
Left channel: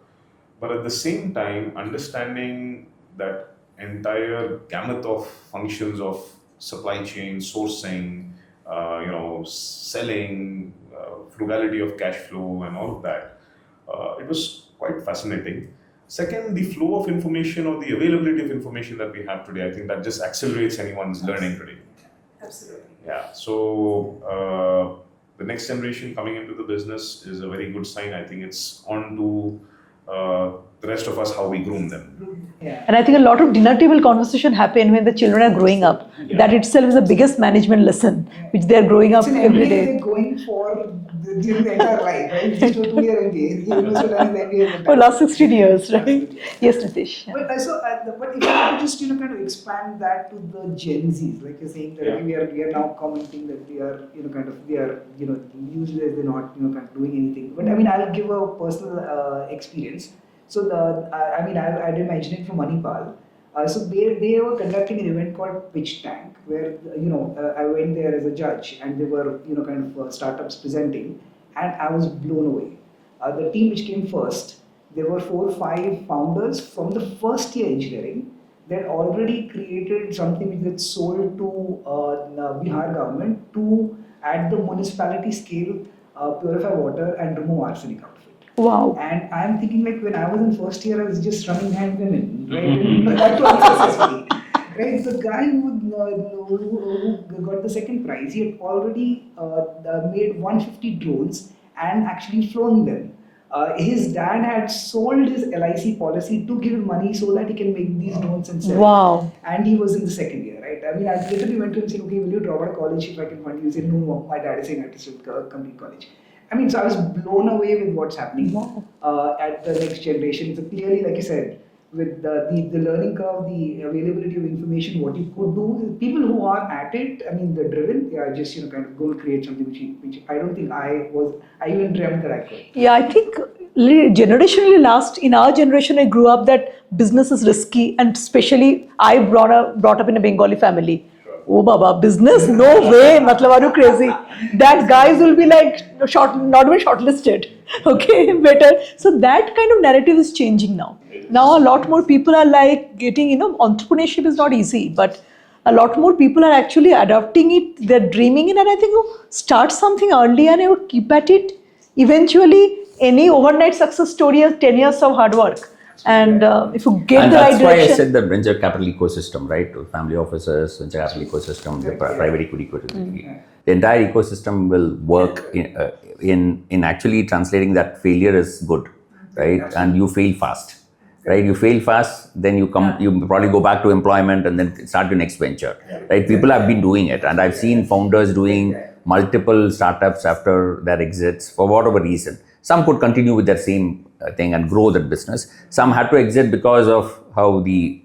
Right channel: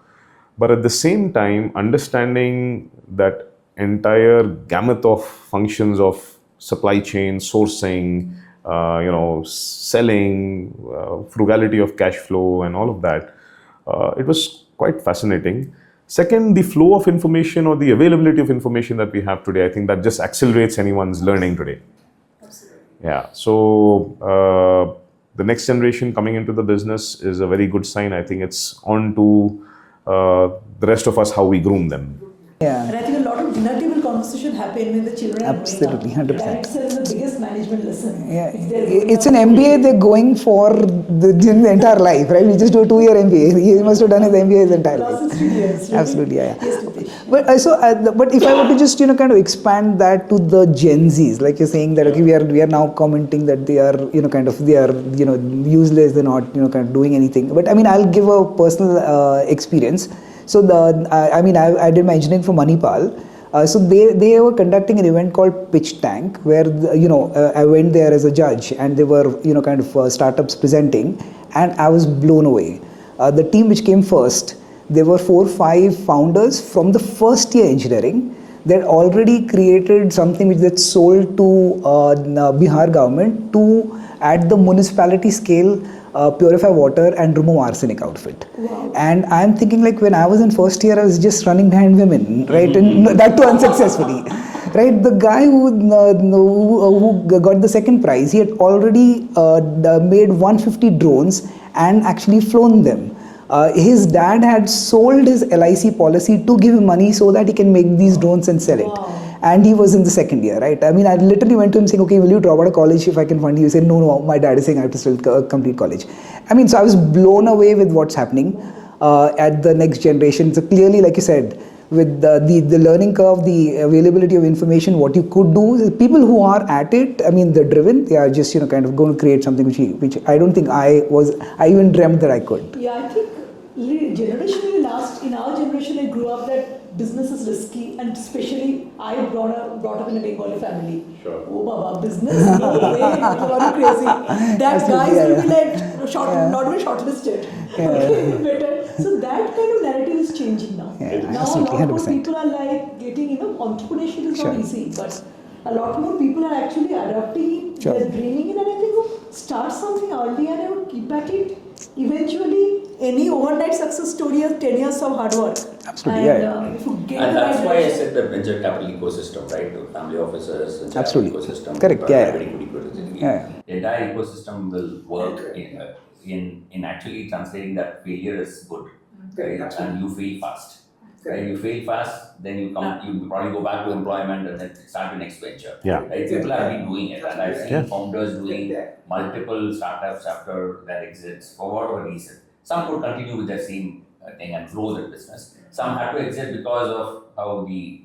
But at the same time, understanding that entire gamut of functions of supply chain, sourcing, selling, frugality of cash flow, and all of that, it was quite fascinating. Second, the flow of information or the availability of information that we have today, I think that just accelerates anyone's learning today. Absolutely. Yeah. So the next generation coming into the business is a very good sign. I think it's on to the rest of us how we groom them. Yeah. And I think a lot of dinner table conversation happen when the children are growing up. Absolutely, 100%. That itself is the biggest management lesson which they're growing It's up. an every MBA day. they're going for the entire life, right? We just do a 2-year MBA. He must have done his MBA his entire For last life. 16 years, right? Absolutely, yeah. Yes, Nitesh. But but if I were to just kind of expand that to the Gen Zs, like you're saying that okay, we are now commenting that they are they are useless, they're not kind of doing anything. But I mean, I'll give a personal experience. So I did my engineering from Manipal. So they were conducting an event called Pitch Tank, where I went there as a judge, and they were startups presenting, and I was blown away. The team which came first, there were 4 or 5 founders from the first year engineering. They had already created something which they sold to Bihar government to at the municipality scale. Purify water and remove arsenic outfit. Wow. And I'm thinking like when I was in first year, I was just running behind women, right? And that too unsuccessfully. Right? The guy who got the second prize, he had already made 150 drones and actually flown them. His dad had sold his LIC policy to give him money so that he can make these drones and sell it. And he was in the second year, right? I mean, I literally went to him saying, okay, will you drop out of college if I can fund you? He said, no, my dad is saying I have to still complete college. I mean, so I was blown away with what's happening at the next generation. So clearly, like you said, with the learning curve, the availability of information, what you could do, people who are at it, I mean, they're driven, they are just, kind of going to create something which I don't think I even dreamt that I could. Yeah, I think generationally in our generation, I grew up that business is risky, and especially I brought up in a Bengali family. Oh Baba, business? No way, matlab, are you crazy? That guys will be like not even shortlisted. Okay, better. So that kind of narrative is changing now. Now a lot more people are like getting, entrepreneurship is not easy, but a lot more people are actually adopting it. They're dreaming it, and I think you start something early and you keep at it. Eventually, any overnight success story is 10 years of hard work. And if you get the right direction. That's why I said the venture capital ecosystem, right? Family offices, venture capital ecosystem, private equity ecosystem. The entire ecosystem will work in actually translating that failure is good, right? And you fail fast. right? You fail fast, then you come, you probably go back to employment and then start your next venture, Yeah. right? People have been doing it, and I've seen founders doing multiple startups after their exits for whatever reason. Some could continue with their same thing and grow that business. Some had to exit because of how the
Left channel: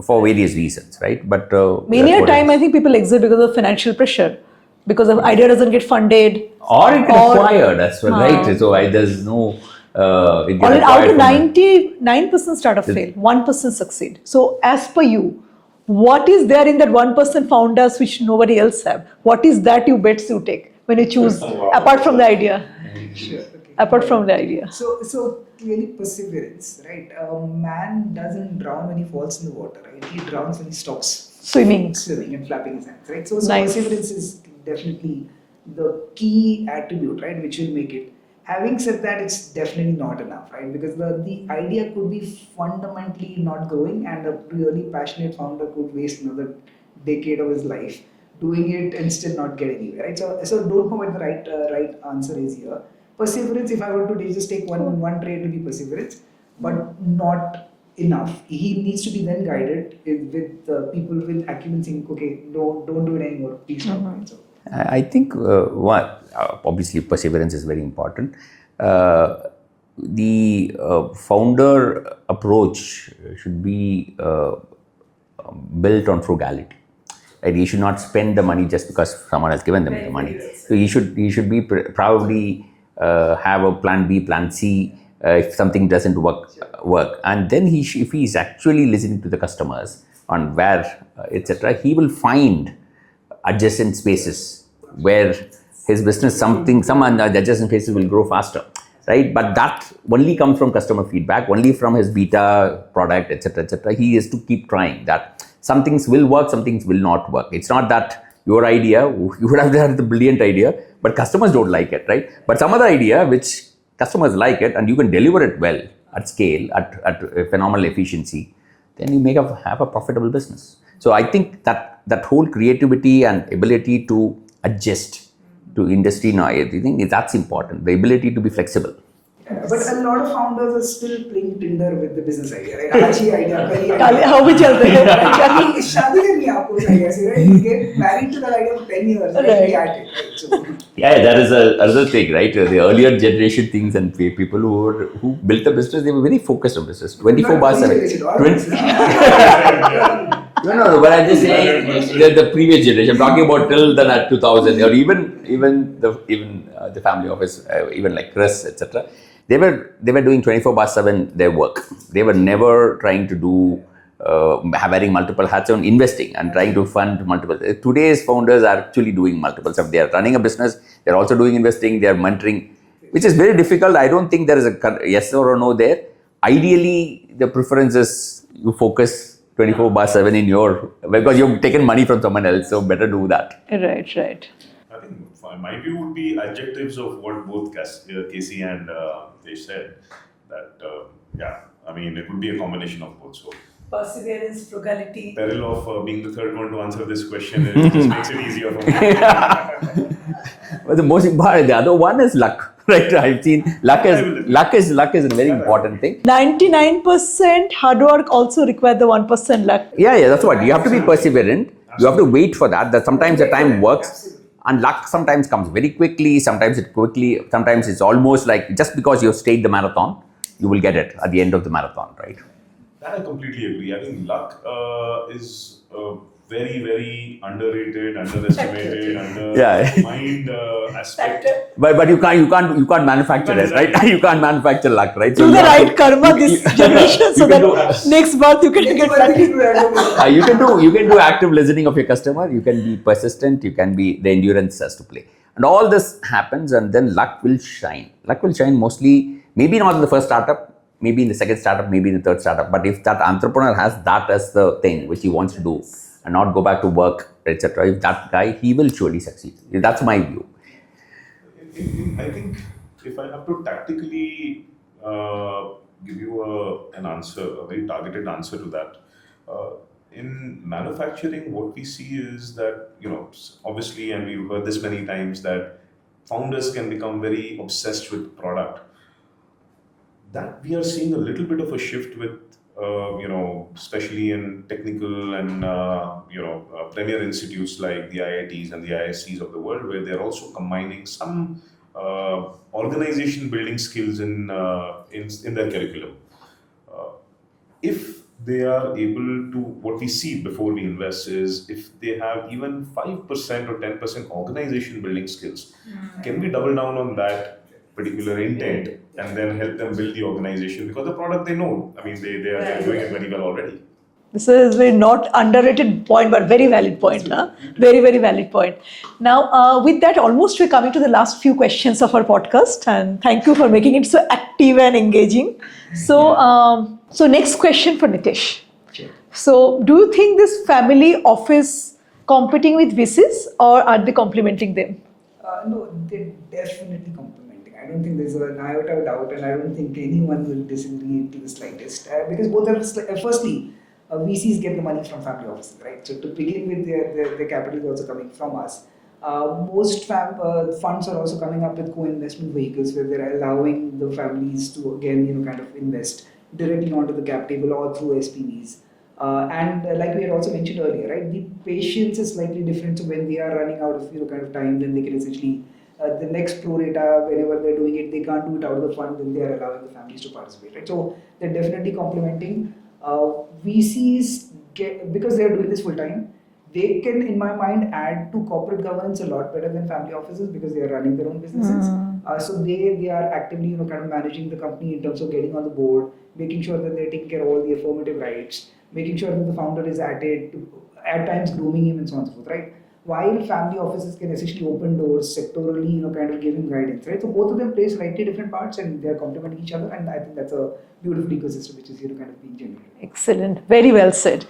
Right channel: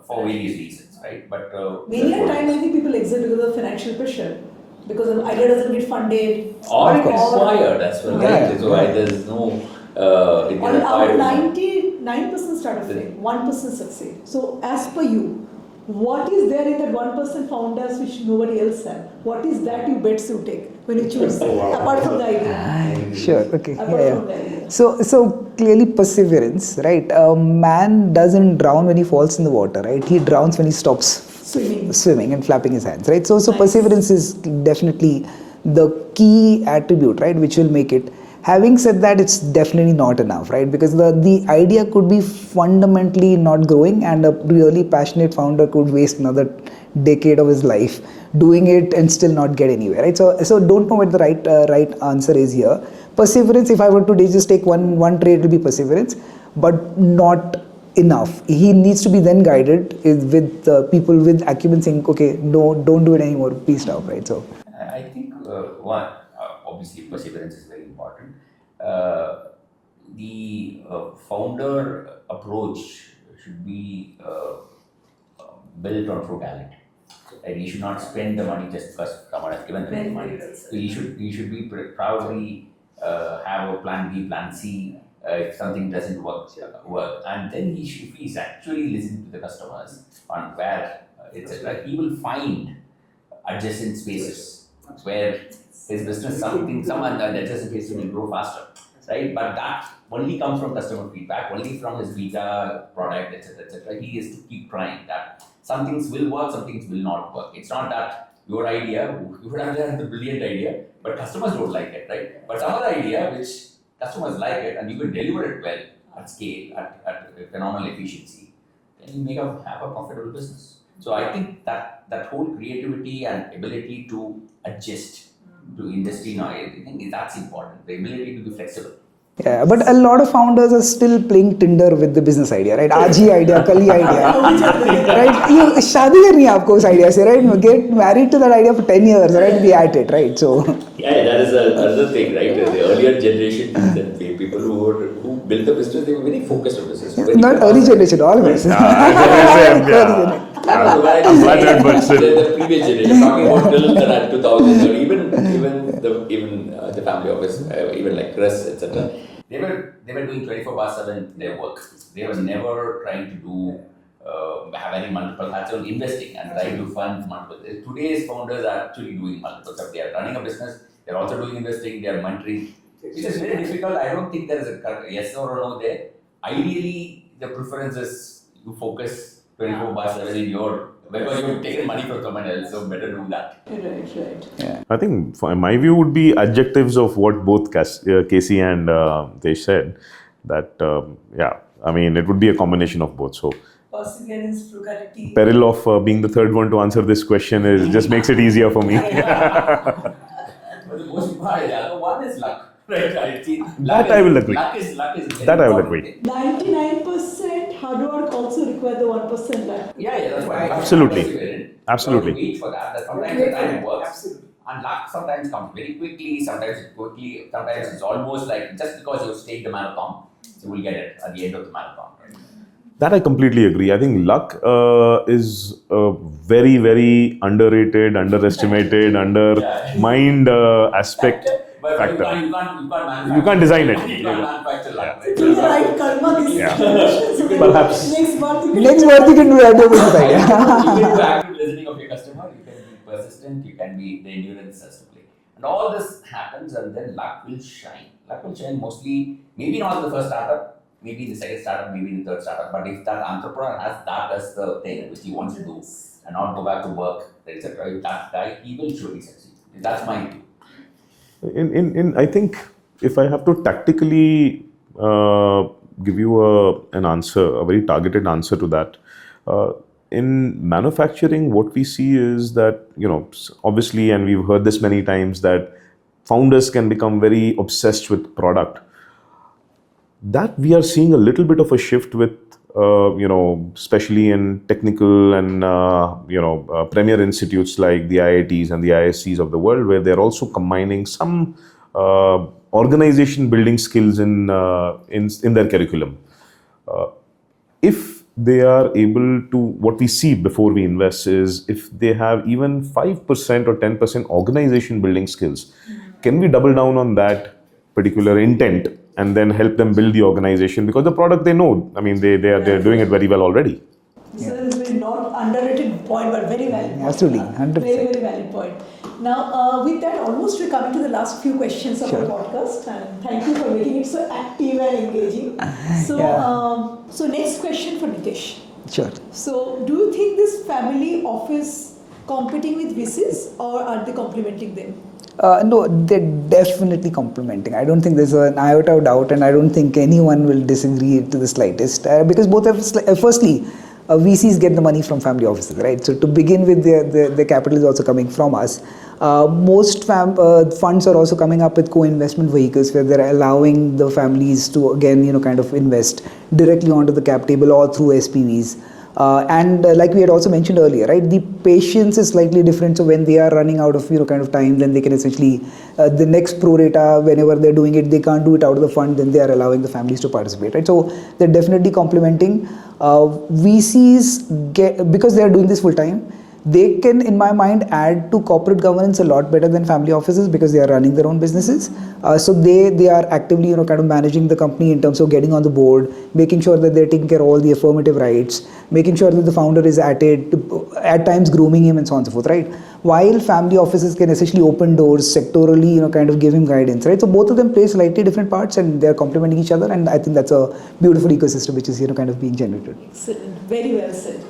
for various reasons, right? But Many that's a what it time, is. I think people exit because of financial pressure, because of idea doesn't get funded, Or it gets acquired as well, right? So there's no. It gets or out acquired of from 99% startup fail, 1% succeed. So as per you, what is there in that 1% founders which nobody else have? What is that you bets you take when you choose, apart from the idea? Sure. Okay. Apart from the idea. So clearly perseverance, right? A man doesn't drown when he falls in the water, right? He drowns when he stops swimming and flapping his hands, right? So Nice. perseverance is definitely the key attribute, right, which will make it. Having said that, it's definitely not enough, right? Because the idea could be fundamentally not growing, and a really passionate founder could waste another decade of his life doing it and still not get anywhere, right? So don't know what the right answer is here. Perseverance, if I were to just take one trait, it will be perseverance, but not enough. He needs to be then guided with people with acumen saying, okay, no, don't do it anymore, please stop, right? So I think obviously perseverance is very important. The founder approach should be built on frugality. Right? He should not spend the money just because someone has given them the money. So he should be probably have a plan B, plan C if something doesn't work, and then if he is actually listening to the customers on where etc., he will find adjacent spaces where his business some adjacent spaces will grow faster, right? But that only comes from customer feedback, only from his beta product, etc. He has to keep trying that. Some things will work, some things will not work. It's not that your idea, you would have had the brilliant idea, but customers don't like it, right? But some other idea which customers like it and you can deliver it well at scale, at phenomenal efficiency, then you have a profitable business. So I think that whole creativity and ability to adjust to industry now, I think that's important. The ability to be flexible. yeah, but a lot of founders are still playing Tinder with the business idea, right? आज ही idea, कल ही idea, हाँ, भी चलते हैं। right? I mean, शादी करनी है आपको उस idea से, right? Get married to that idea for 10 years, right? Be at it, right? So Yeah, that is another thing, right? The earlier generation things and people who built a business, they were very focused on business. not early generation, all of us. No, but I just say the previous generation. I'm talking about till the 2000 or even the family office, even like Chris, etc. They were doing 24/7 their work. They were never trying to do wearing multiple hats on investing and trying to fund multiple. Today's founders are actually doing multiple stuff. They are running a business. They're also doing investing. They are mentoring, which is very difficult. I don't think there is a yes or a no there. Ideally, the preference is you focus 24/7 in your, because you've taken money from someone else, so better do that. Right. Yeah. I think my view would be adjectives of what both Casey and Nitesh said. That I mean, it would be a combination of both. So Perseverance, frugality. peril of being the third one to answer this question just makes it easier for me. But the most important, the other one is luck. Right, I've seen luck is a very important thing. 99% hard work also require the 1% luck. Yeah, that's what. You have to be Absolutely. perseverant. You have to wait for that. That sometimes the time works, and luck sometimes comes very quickly. Sometimes it's almost like just because you've stayed the marathon, you will get it at the end of the marathon, right? That I completely agree. I think luck is a very, very underrated, underestimated, undermined aspect. But you can't manufacture You can't design right? it. You can't manufacture luck, right? Do the right karma this generation so that next birth you can Next get birth you can do everything. you can do active listening of your customer. You can be persistent. You can be, the endurance has to play, and all this happens, and then luck will shine. Luck will shine mostly, maybe not in the first startup, maybe in the second startup, maybe in the third startup. But if that entrepreneur has that as the thing which he wants to do and not go back to work, etc., if that guy, he will surely succeed. That's my view. I think if I have to tactically give you an answer, a very targeted answer to that, in manufacturing, what we see is that, obviously, and we've heard this many times, that founders can become very obsessed with product. that we are seeing a little bit of a shift with, especially in technical and, premier institutes like the IITs and the ISCs of the world, where they're also combining some organization building skills in their curriculum. If they are able to, what we see before we invest is if they have even 5% or 10% organization building skills, can we double down on that particular intent and then help them build the organization? Because the product they know, I mean, they're doing it very well already. This is a not underrated point, but very valid point. Absolutely, Huh? 100%. Very, very valid point. Now, with that, almost we're coming to the last few questions of our podcast, and thank you for making it so active and engaging. So next question for Nitesh. Sure. So, do you think this family office competing with VCs, or are they complementing them? No, they're definitely complementing. I don't think there's an iota of doubt, and I don't think anyone will disagree to the slightest. Because both have, firstly, VCs get the money from family offices, right? So to begin with, their capital is also coming from us. Most funds are also coming up with co-investment vehicles where they're allowing the families to, again, kind of invest directly onto the cap table or through SPVs. And like we had also mentioned earlier, right, the patience is slightly different. So when they are running out of kind of time, then they can essentially the next pro rata, whenever they're doing it, they can't do it out of the fund, then they are allowing the families to participate, right? So they're definitely complementing. VCs because they're doing this full time, they can, in my mind, add to corporate governance a lot better than family offices because they are running their own businesses. So they are actively, kind of managing the company in terms of getting on the board, making sure that they're taking care of all the affirmative rights, making sure that the founder is at it, at times grooming him and so on and so forth, right? While family offices can essentially open doors sectorally, kind of give him guidance, right? So both of them play slightly different parts and they're complementing each other. And I think that's a beautiful ecosystem which is, kind of being generated. Excellent. Very well said.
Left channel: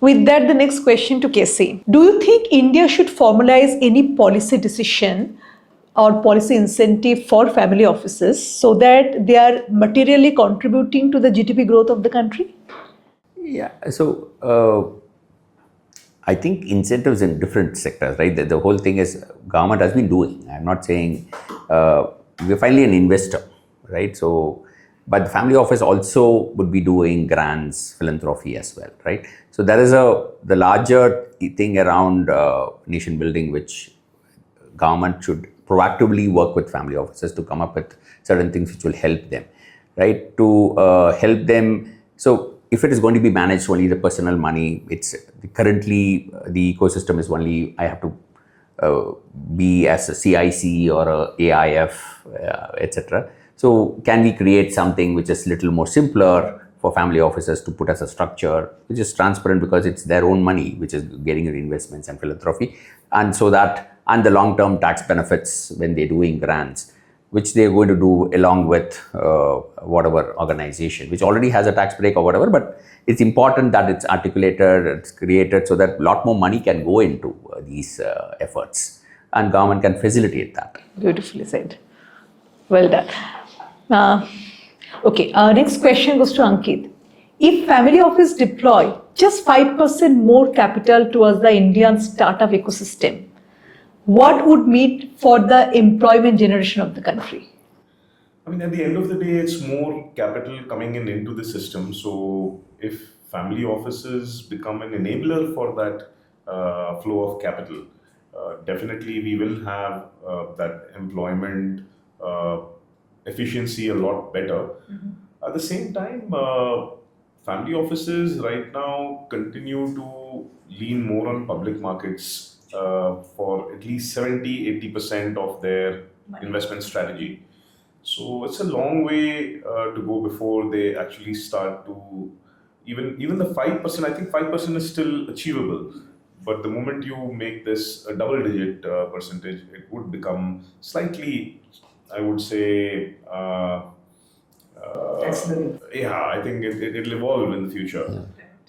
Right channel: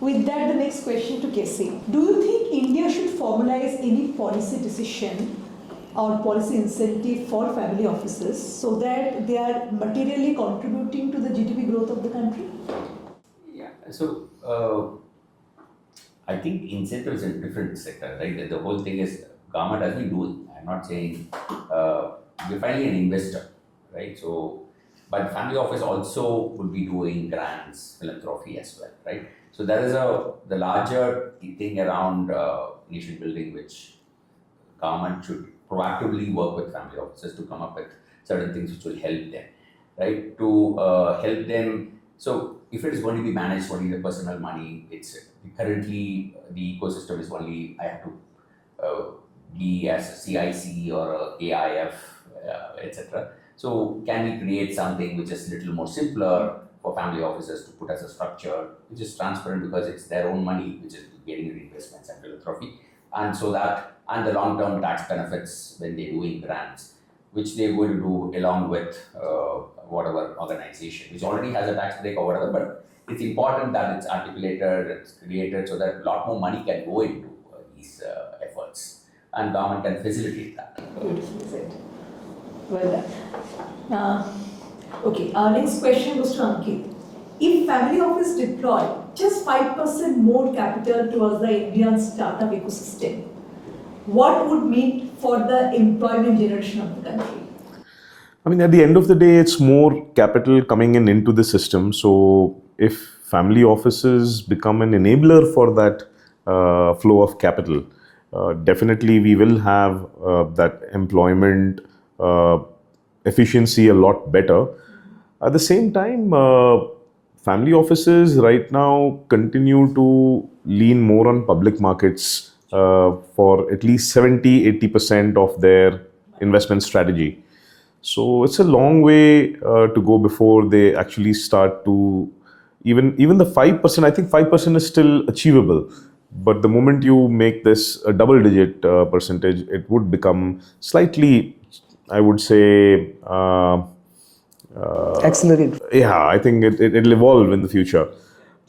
With that, the next question to Casey. Do you think India should formalize any policy decision or policy incentive for family offices so that they are materially contributing to the GDP growth of the country? Yeah, so I think incentives in different sectors, right? The whole thing is government has been doing. I'm not saying we're finally an investor, right? So, but the family office also would be doing grants, philanthropy as well, right? So there is the larger thing around nation building, which government should proactively work with family offices to come up with certain things which will help them, right? To help them. So if it is going to be managed only the personal money, it's currently the ecosystem is only I have to be as a CIC or a AIF, etc. So can we create something which is little more simpler for family offices to put as a structure, which is transparent because it's their own money, which is getting your investments and philanthropy, and so that, and the long-term tax benefits when they're doing grants, which they're going to do along with whatever organization, which already has a tax break or whatever, but it's important that it's articulated, it's created so that a lot more money can go into these efforts and government can facilitate that. Beautifully said. Well done. Okay, next question goes to Ankit. If family office deploy just 5% more capital towards the Indian startup ecosystem, what would mean for the employment generation of the country? I mean, at the end of the day, it's more capital coming into the system. So if family offices become an enabler for that flow of capital, definitely we will have that employment efficiency a lot better. At the same time, family offices right now continue to lean more on public markets for at least 70-80% of their investment strategy. So it's a long way to go before they actually start to even the 5%. I think 5% is still achievable, but the moment you make this a double-digit percentage, it would become slightly, I would say, Accelerate. Yeah, I think it'll evolve in the future. Yeah.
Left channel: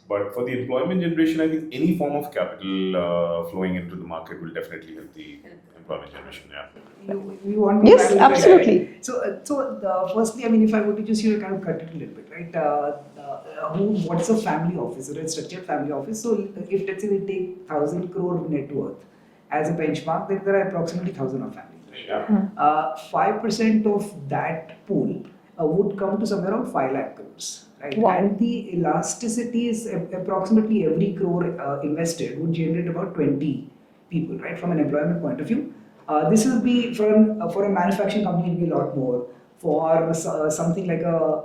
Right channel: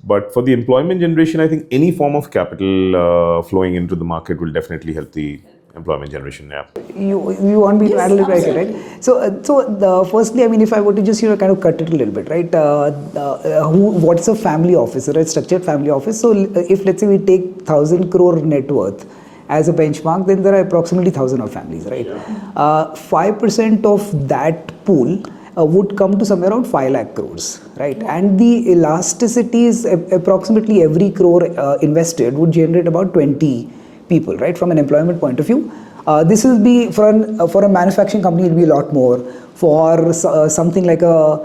But for the employment generation, I think any form of capital flowing into the market will definitely help the employment generation. Yeah. You want me to Yes, absolutely. Right? So firstly, I mean, if I were to just kind of cut it a little bit, right? What's a family office, right? Structured family office. So if let's say we take 1,000 crore net worth as a benchmark, then there are approximately 1,000 of families, right? 5% of that pool would come to somewhere around 5 lakh crores, right? Wow. And the elasticity is approximately every crore invested would generate about 20 people, right? From an employment point of view. This will be for a manufacturing company, it will be a lot more. For something like a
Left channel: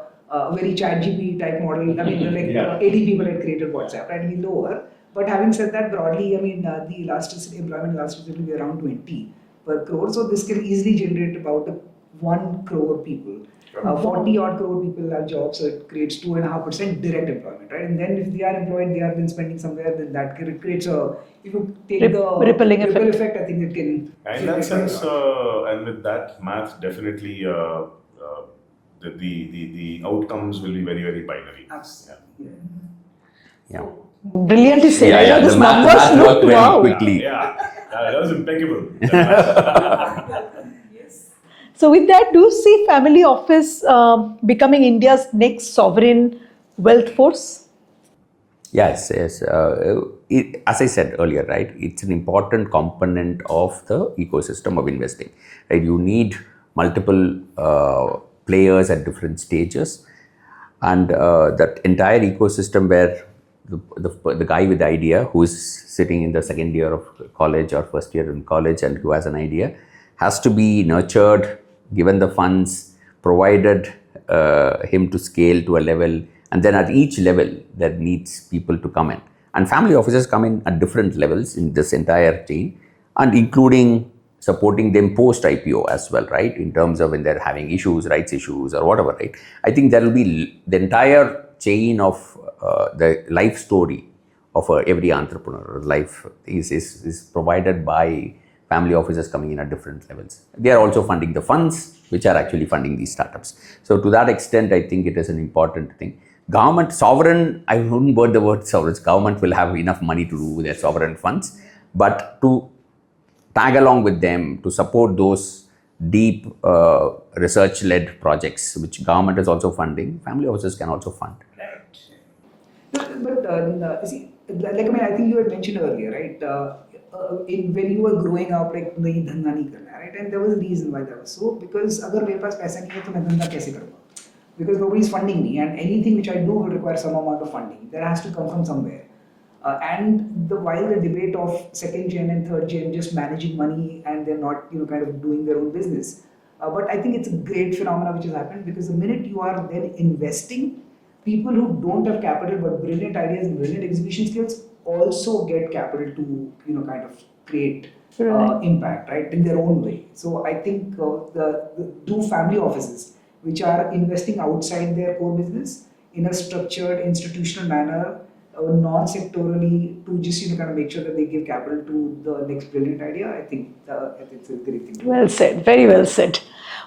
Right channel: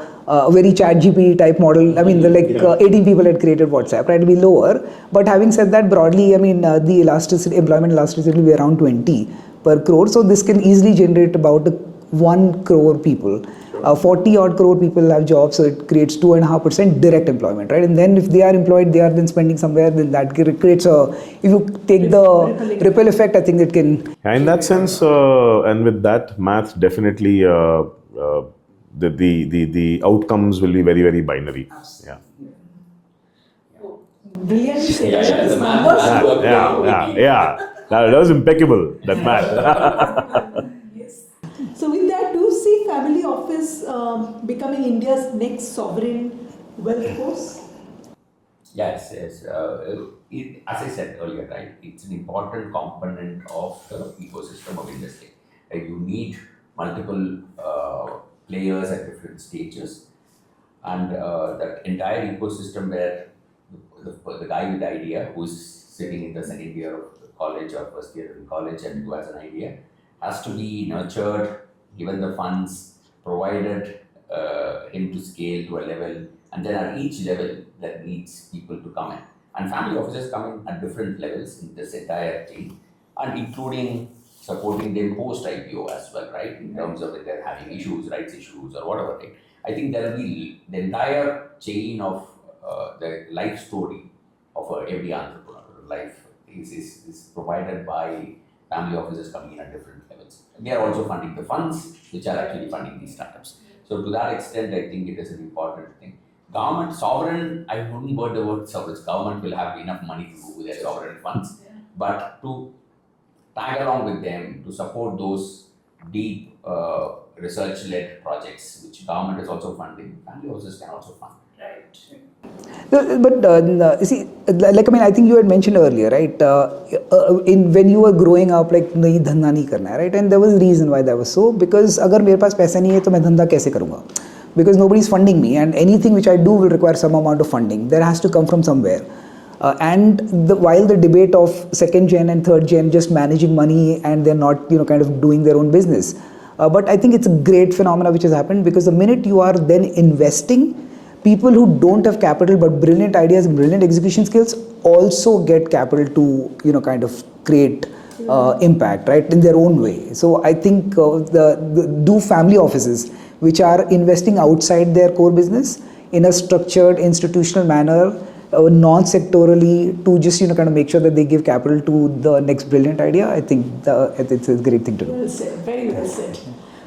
very chat GP type model, I mean, 18 people had created WhatsApp, right? It will be lower. But having said that, broadly, I mean, the elasticity, employment elasticity will be around 20 per crore. So this can easily generate about 1 crore people. 40 odd crore people have jobs, so it creates 2.5% direct employment, right? And then if they are employed, they are then spending somewhere, then that creates a, if you take the ripple effect, I think it can. In that sense, and with that math, definitely the outcomes will be very, very binary. Yeah. Brilliantly said. These numbers look wow. Yeah, that was impeccable. That math. So with that, do you see family office becoming India's next sovereign wealth force? Yes. As I said earlier, right, it's an important component of the ecosystem of investing. Right, you need multiple players at different stages, and that entire ecosystem where the guy with the idea, who is sitting in the second year of college or first year in college and who has an idea, has to be nurtured, given the funds, provided him to scale to a level, and then at each level there needs people to come in. And family offices come in at different levels in this entire chain, and including supporting them post IPO as well, right? In terms of when they're having issues, rights issues or whatever, right? I think there will be the entire chain of the life story of every entrepreneur. Life is provided by family offices coming in at different levels. They are also funding the funds which are actually funding these startups. So to that extent, I think it is an important thing. Government, sovereign, I wouldn't word the word sovereign. Government will have enough money to do their sovereign funds, but to tag along with them, to support those deep research-led projects, which government is also funding, family offices can also fund. But you see, like, I mean, I think you had mentioned earlier, right? When you were growing up, like, nahi dhanda nahi karna hai, right? And there was a reason why that was so, because agar mere paas paisa nahi hai, to main dhanda kaise karunga? Because nobody is funding me, and anything which I do will require some amount of funding. There has to come from somewhere. While the debate of second gen and third gen just managing money and they're not, kind of doing their own business. But I think it's a great phenomena which has happened, because the minute you are then investing, people who don't have capital but brilliant ideas and brilliant execution skills also get capital to, kind of create impact, right, in their own way. So I think do family offices which are investing outside their core business in a structured institutional manner, non-sectorally, to just kind of make sure that they give capital to the next brilliant idea. I think it's a great thing to do. Well said, very well said.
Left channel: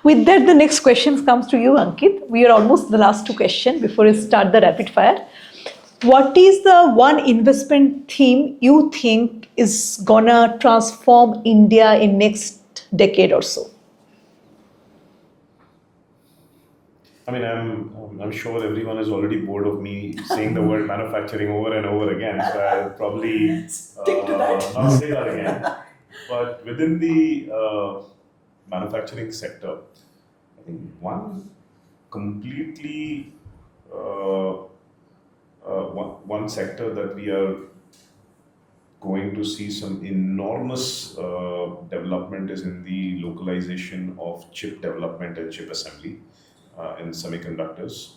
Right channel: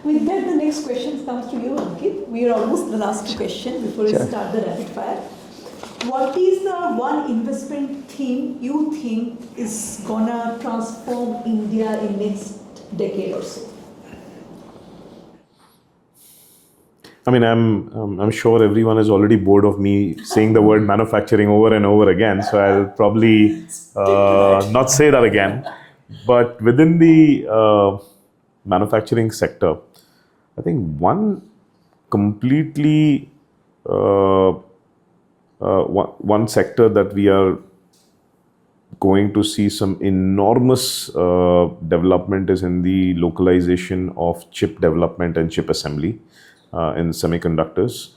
With that, the next question comes to you, Ankit. We are almost the last two questions before we start the rapid fire. What is the one investment theme you think is gonna transform India in next decade or so? I mean, I'm sure everyone is already bored of me saying the word manufacturing over and over again, so I'll probably not say that again. But within the manufacturing sector, I think one completely one sector that we are going to see some enormous development is in the localization of chip development and chip assembly in semiconductors.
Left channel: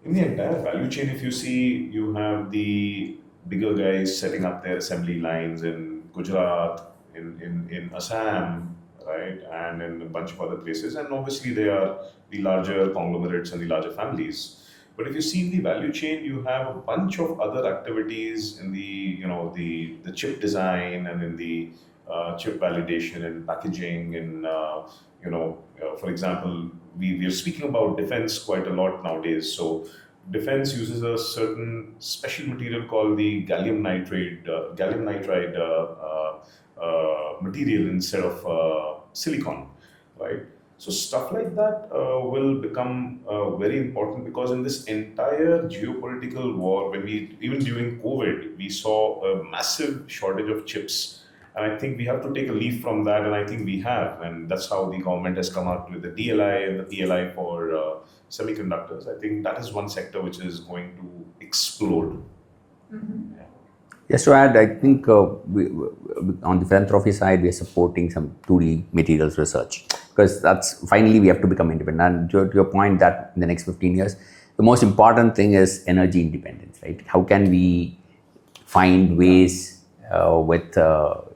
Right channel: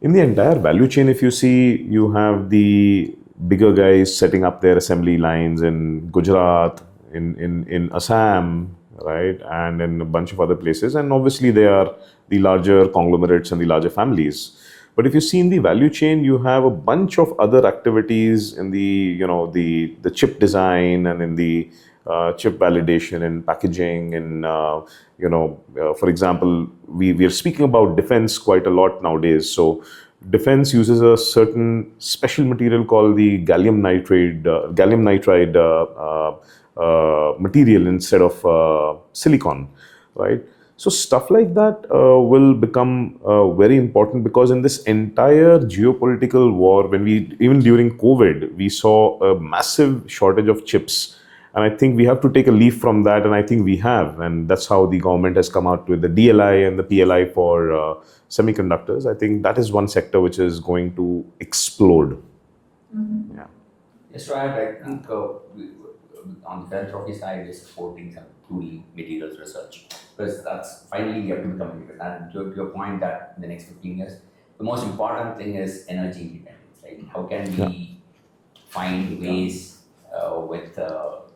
In the entire value chain, if you see, you have the bigger guys setting up their assembly lines in Gujarat, in Assam, right, and in a bunch of other places. And obviously they are the larger conglomerates and the larger families. But if you see in the value chain, you have a bunch of other activities in the, the chip design and in the chip validation and packaging and, for example, we are speaking about defense quite a lot nowadays. So defense uses a certain special material called the gallium nitride material instead of silicon, right? So stuff like that will become very important, because in this entire geopolitical war, even during COVID, we saw a massive shortage of chips. And I think we have to take a leaf from that, and I think we have. And that's how the government has come out with the DLI and the PLI for semiconductors. I think that is one sector which is going to explode. Yeah. Just to add, I think on the philanthropy side, we are supporting some 2D materials research, because that's finally we have to become independent. And to your point that in the next 15 years, the most important thing is energy independence, right? How can we find ways with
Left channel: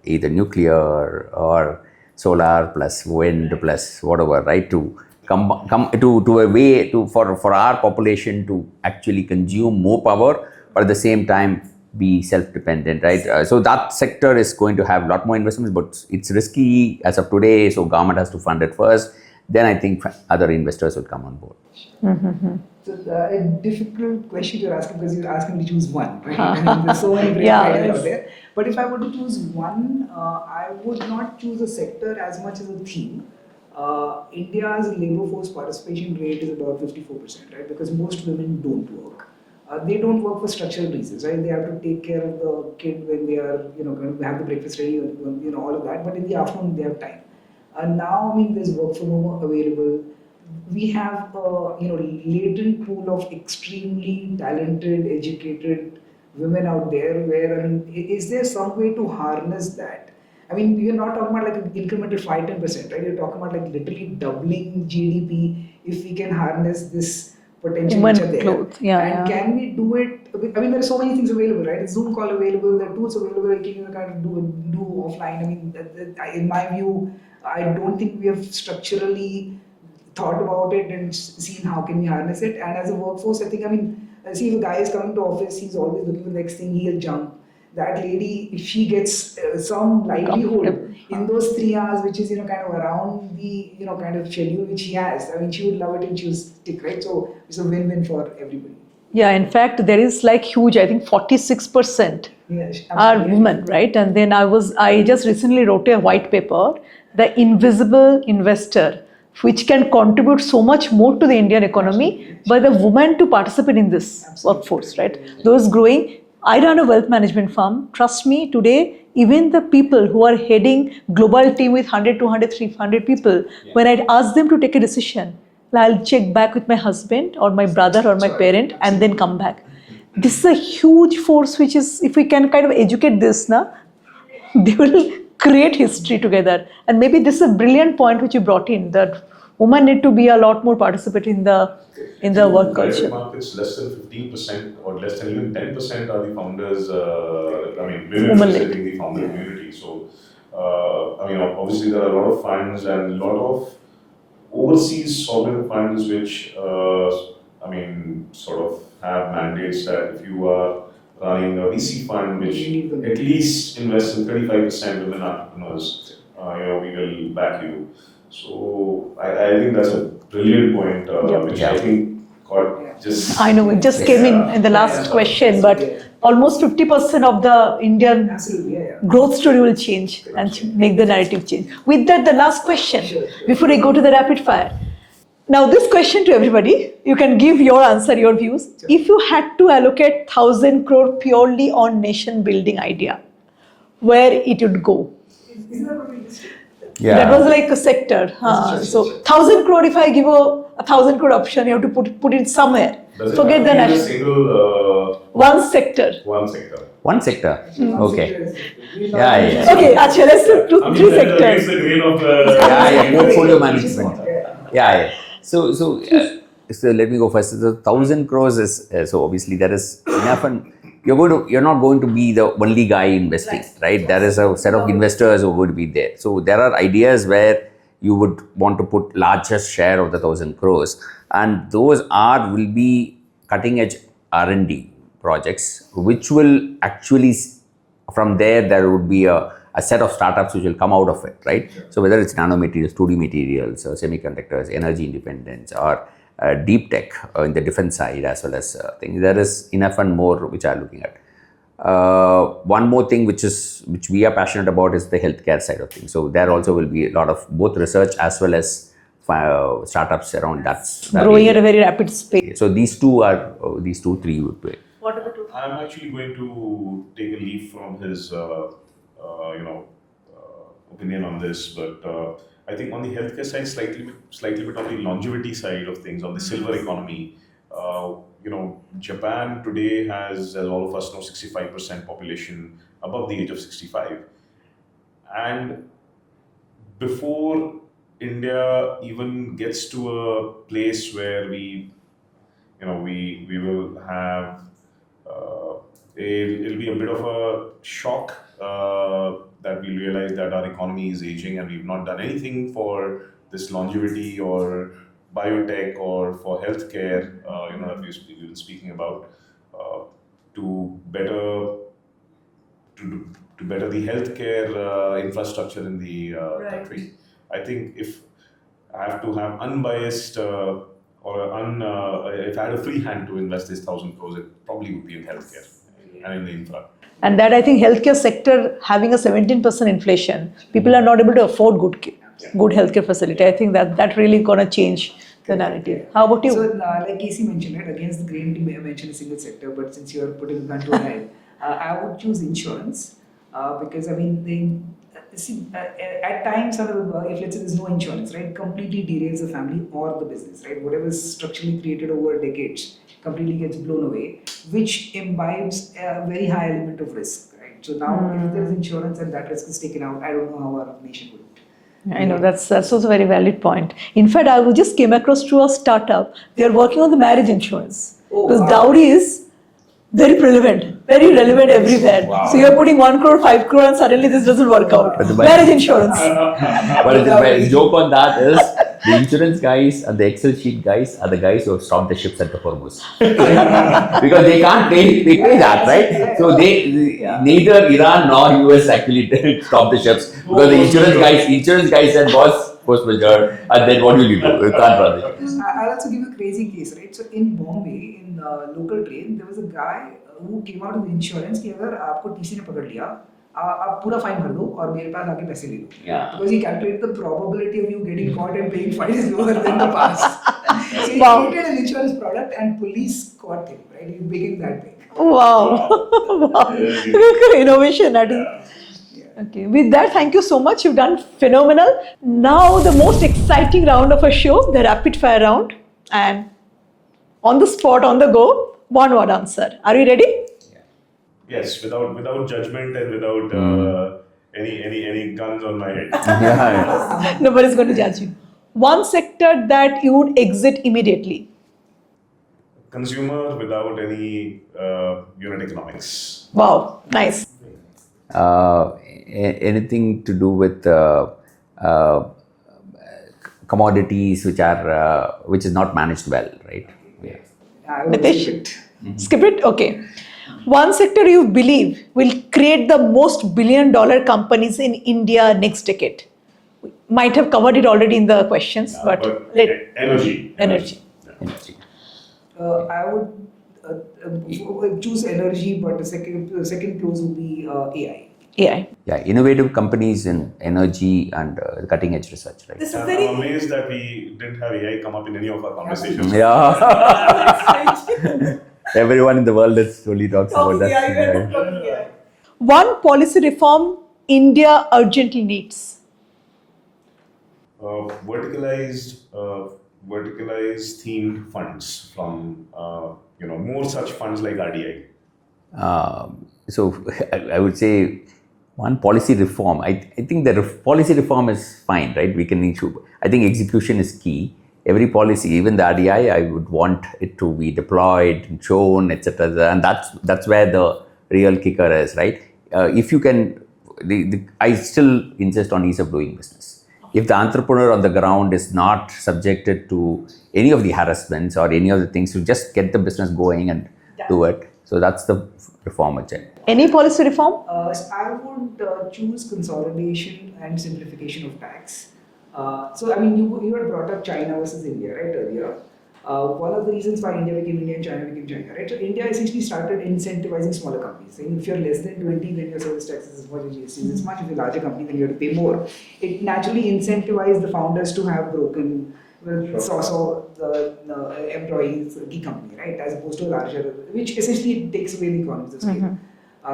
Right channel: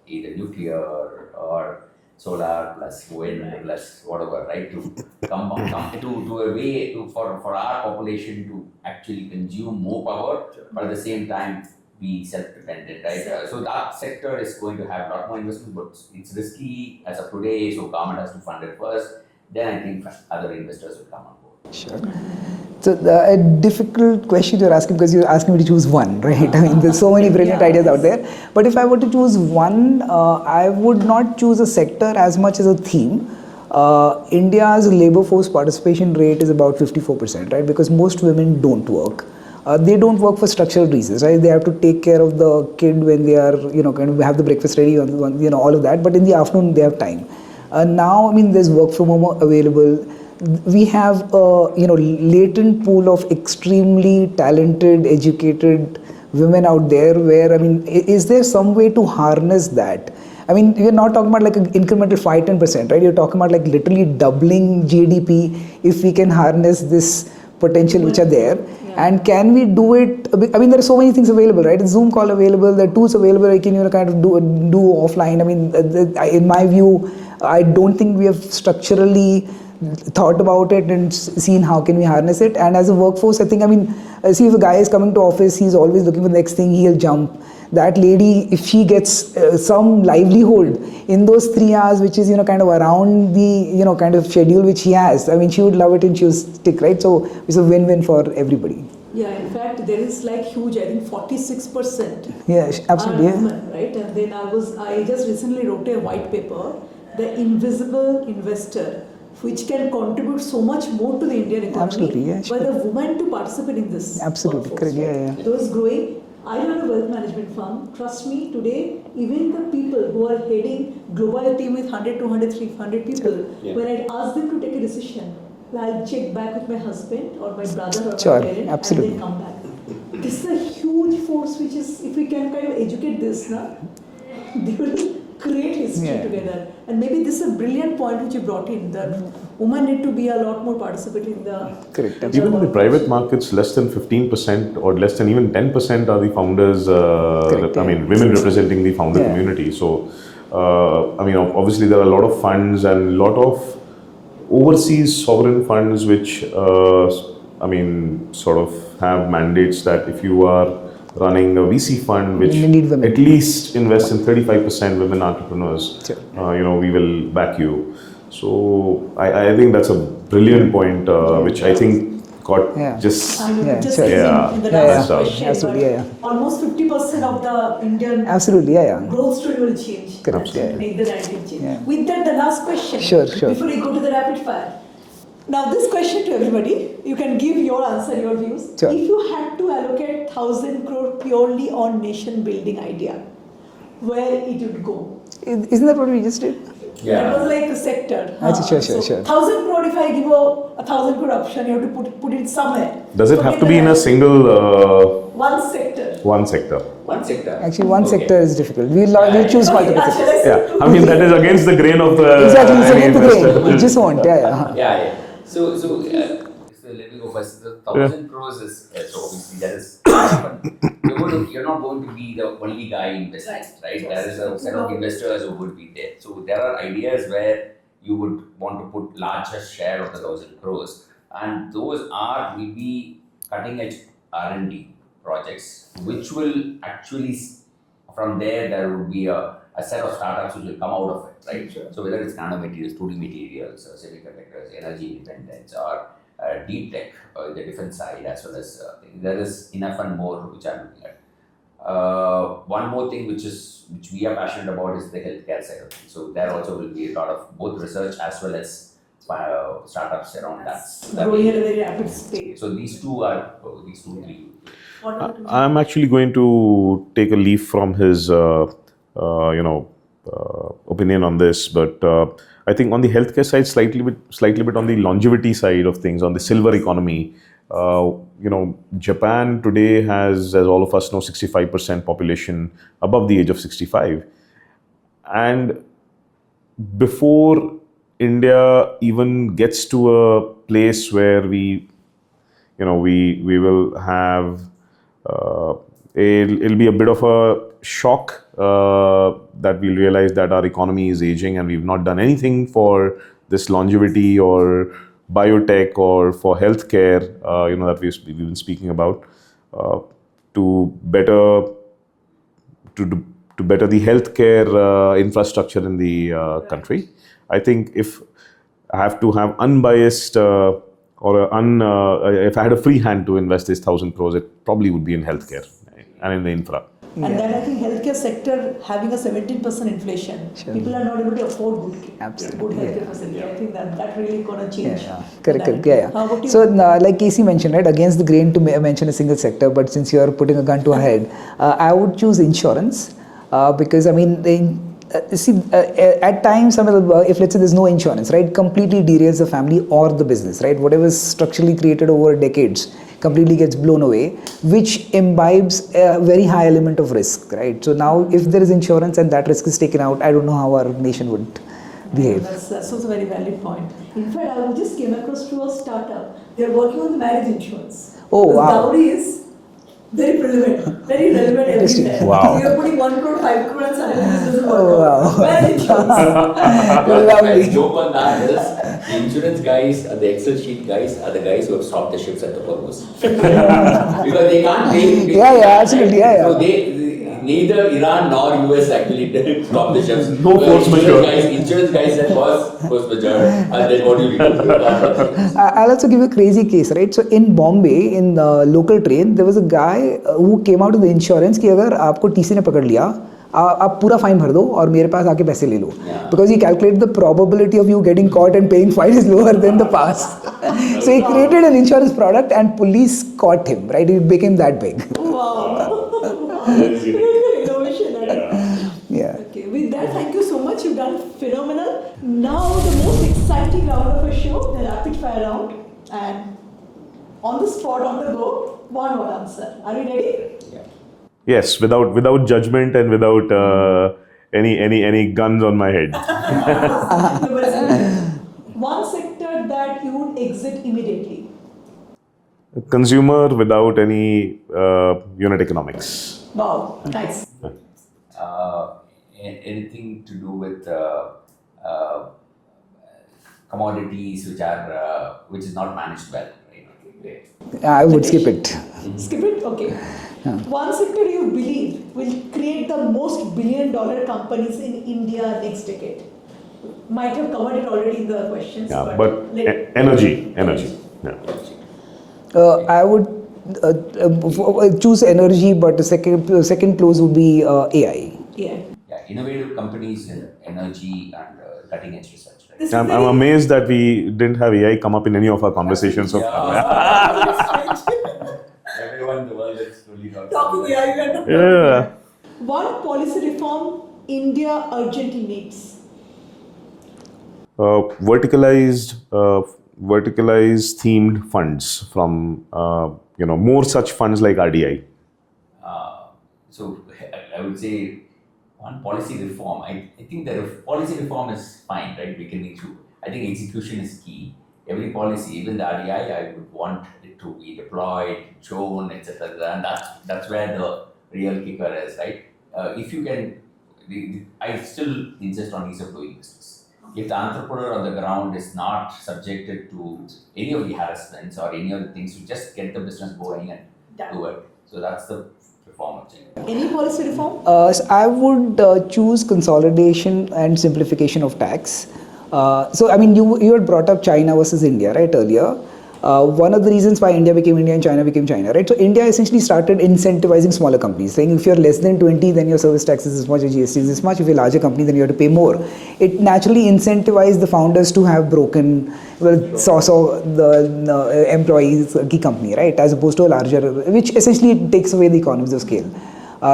either nuclear or solar plus wind plus whatever, right? To come to a way for our population to actually consume more power, but at the same time be self-dependent, right? So that sector is going to have a lot more investments, but it's risky as of today. So government has to fund it first. Then I think other investors would come on board. Sure. So a difficult question you're asking, because you're asking me to choose one, right? I mean, there's so many brilliant ideas out there. But if I were to choose one, I would not choose a sector as much as a theme. India's labor force participation rate is about 54%, right? Because most women don't work. They don't work for structural reasons, right? They have to take care of the kid when they are, kind of have the breakfast ready, all of that. But in the afternoon, they have time. Now, I mean, there's work from home available. We have a, latent pool of extremely talented, educated women out there where, I mean, is there some way to harness that? I mean, you're not talking about like an incremental 5-10%, right? You're talking about like literally doubling GDP if we can harness this potential which are there. Can we do it? I mean, there are so many things available, right? Zoom call available, there are tools available I can kind of do offline. I mean, in my view, I don't think we have structurally thought about it and seen how can we harness it. And as a workforce, I think, I mean, see, if a guy is coming to office, he's always looking for the next thing, he'll jump. That lady, if she gets some livelihood in those 3 hours, which is, kind of around the, kind of schedule which she has, I mean, she would love it and she would stick, right? So it's a win-win for everybody. Yeah, in fact, there is like huge, I think 46% are women, right? And then I just recently wrote a white paper, The Invisible Investor, which can contribute so much more to the Indian economy by the women to participate in this workforce, right? Those growing. I run a wealth management firm. Trust me, today, even the people who are heading global team with 100, 200, 300 people, when I ask them to take a decision, I'll check back with my husband or my brother or my parent and then come back. This is a huge force which is, if we can kind of educate this, they will create history together. And maybe this is a brilliant point which you brought in, that women need to be a lot more participatory in the work private culture. Markets, less than 15% or less than even 10% are the founders, I mean, women representing the founder community. So, I mean, obviously there are a lot of funds and a lot of overseas sovereign funds which, I mean, sort of have mandates that if you are running a VC fund which at least invests in 35% women entrepreneurs, we will back you. So I think that's a brilliant point, which I think got just... I know, it just came in the last question, but almost 50% of the Indian growth story will change and make the narrative change. With that, the last question, before I go to the rapid fire. Now, this question to everybody, you can give your answer, your views. If you had to allocate 1,000 crore purely on nation building idea, where it would go? Isn't that what we just did? Yeah. That was like a sector. So 1,000 crore, if I give a 1,000 crore option, you have to put it somewhere. Does it have to be in a single... One sector. One sector. One sector. Actually, one sector is difficult. We'll choose. Okay, let's do I mean, that is against the grain of the... Exactly. Just want. So let me go first. The 1,000 crores is so obviously there is enough, and you're not going to be the only guy investing, right? There is a set of investors who would be there. So there are ideas where you would want to put largest share of the 1,000 crores, and those will be cutting edge R&D projects, which will actually from there would be a set of startups which will come out of it, right? So whether it's nanomaterials, 2D materials, semiconductors, energy independence, or deep tech in the defense side, as well as things. There is enough and more which are looking at. One more thing which we are passionate about is the healthcare side of things. So there also will be a lot of both research as well as startups around that. Growing at a very rapid pace. So these two, three would play. I'm actually going to take a leaf from his, opinion on this, but I think on the healthcare side, slightly bit on the longevity side of things, on the silver economy. Japan today has, as all of us know, 65% population above the age of 65, and before India even gets to a place where we will have it'll be a bit of a shock that we'll realize that our economy is aging and we've not done anything for this longevity or biotech or for healthcare, that we've been speaking about, to better the healthcare infrastructure in the country. I think if I have to have unbiased if I had a free hand to invest this 1,000 crores, it probably would be in healthcare and in the infra. And that, I think, healthcare sector having a 17% inflation, people are not able to afford good healthcare facility. I think that really gonna change. Correct. How about you? So, like Casey mentioned, right, against the grain to mention a single sector, but since you are putting a gun to our head, I would choose insurance because, I mean, at times, if let's say there's no insurance, right, completely derails the family or the business, right? Whatever is structurally created over decades completely gets blown away, which imbibes a very high element of risk, right? So now, if there is insurance and that risk is taken out, I don't know how our nation would. I know that's also a very valid point. In fact, I just came across through a startup. They are working on the marriage insurance. Oh, because wow. dowry is very relevant everywhere. Wow. So you're putting 1 crore, 5 crore, and suddenly this doesn't work out. Wow. Marriage insurance. But the joke on that is the insurance guys and the Excel sheet guys are the guys who have stopped the ships at the purpose. Because they can't pay that, right? Yeah. So neither Iran nor US actually did stop the ships. Because the insurance guy said force majeure, and then what will you do? I'll also give you a crazy case, right? So in Bombay, in the local train, there was a guy who came out of the insurance कि अगर आपको TC ने पकड़ लिया, आप पूरा fine भर दो और मेरे पास आके पैसे ले लो. Because he calculated the probability of you getting caught and paying fine is lower than the pass. So he created an insurance product and police caught him, right? It became that big. Wow. Innovation. That is. Yeah. Okay. With that, thank you so much. You've done phenomenal. Now the most exciting round of a show, the rapid fire round, and on the spot, on the go, one word answer. Are you ready? Yes, without judgment and without any guns on my head. Nobody's going to judge you. One sector that you would exit immediately. Consumer without any unit economics. Wow, nice. Anything to do with commodities which is not managed well, right? I would Nitesh? skip it. Skip it? Okay. One sector you believe will create the most billion-dollar companies in India next decade. Might have covered it already in the questions, but energy. Yeah. I would choose energy, but the second close would be AI. AI. Yeah, innovative companies in energy and cutting edge research, right? I'm amazed that we didn't have AI come up in any of our conversations. Everyone in the world only talks about that. Yeah. One policy reform India urgently needs. Verticalized themed funds from more such funds like RDI. So I would say one policy reform. I think the policy reform is fine, right? We can issue. I think execution is key. Every policy, even the RDI, I would want it to be deployed, shown, etc. And that's where the real kicker is, right? If you can, I still insist on ease of doing business. If the entrepreneur on the ground is not subjected to any of the harassments or any of the things, to just get the business going and do it. So that's the reform agenda. Any policy reform? So I would choose consolidation and simplification of tax. So, I mean, you had brought up China versus India, right, earlier. One of the reasons why India became India and China became China, right? So, India essentially started incentivizing smaller companies, saying if you're less than 20, then your service tax is this much, your GST is this much. If you're a larger company, then you have to pay more. It naturally incentivized the founders to have broken, the employees' key company, right? As opposed to a larger, which essentially takes away the economies of scale.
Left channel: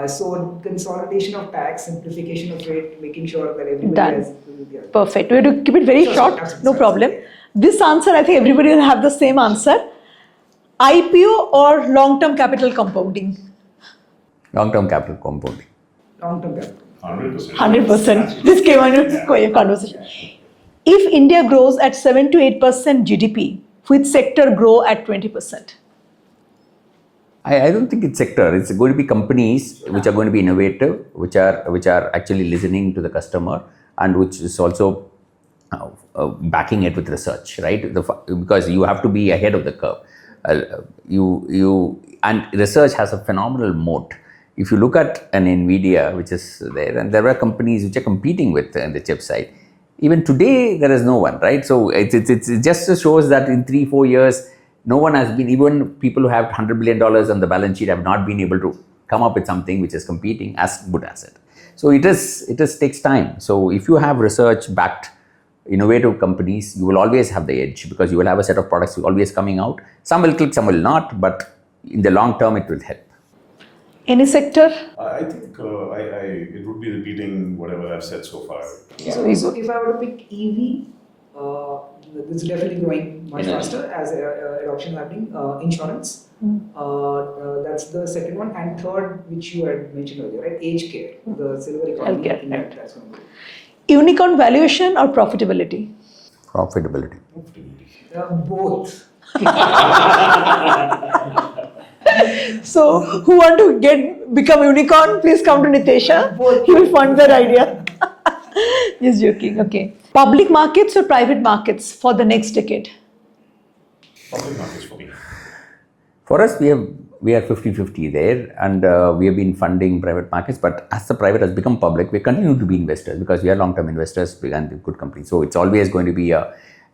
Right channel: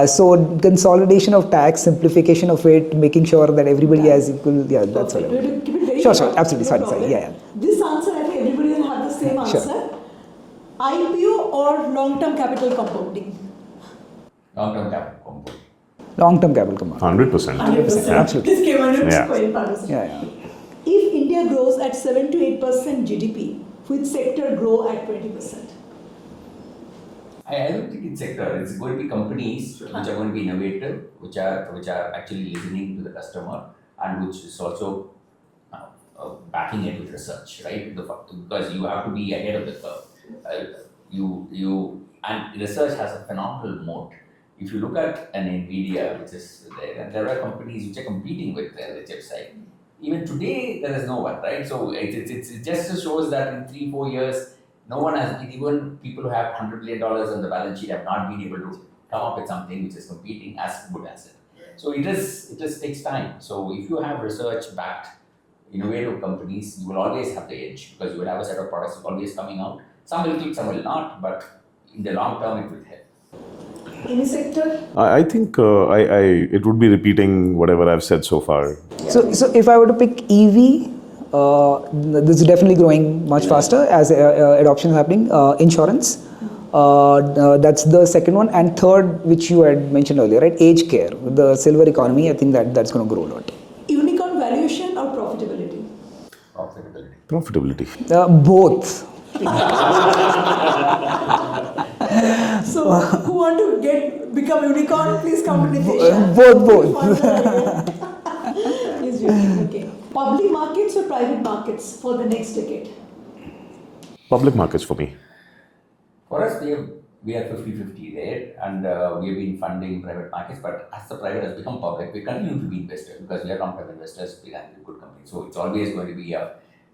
So consolidation of tax, simplification of it, making sure that everybody Done. has equal. Yeah, Perfect. We have to keep it very Sure, short. absolutely. No Sorry, problem. yeah. This answer, I think everybody will have the same answer. IPO or long-term capital compounding? Long-term capital compounding. Long-term capital compound. 100%. 100%. This came on Yeah. conversation. Yeah. If India grows at 7 to 8% GDP, which sector grow at 20%? I don't think it's sector. It's going to be companies which are going to be innovative, which are actually listening to the customer, and which is also backing it with research, right? Because you have to be ahead of the curve. And research has a phenomenal moat. If you look at an Nvidia, which is there, and there are companies which are competing with in the chip side. Even today, there is no one, right? So it just shows that in 3-4 years, no one has been, even people who have $100 billion on the balance sheet have not been able to come up with something which is competing as good as it. So it takes time. So if you have research-backed innovative companies, you will always have the edge because you will have a set of products always coming out. Some will click, some will not, but in the long term, it will help. Any sector? I think it would be repeating whatever I've said so far. So if I were to pick EV, this is definitely growing much faster as adoption is happening. Insurance, that's the second one, and third, which you had mentioned earlier, right? Aged care, the silver economy. I think that's going to grow a lot. Unicorn valuation or profitability? Profitability. Profitability. Both. So, who want to become unicorn? Please come to Nitesh. Both. He will fund that idea. Just joking. Okay. Public markets or private markets for the next decade? Public markets for me. For us, we are 50-50 there, and we have been funding private markets. But as the private has become public, we continue to be investors because we are long-term investors and good companies. So it's always going to be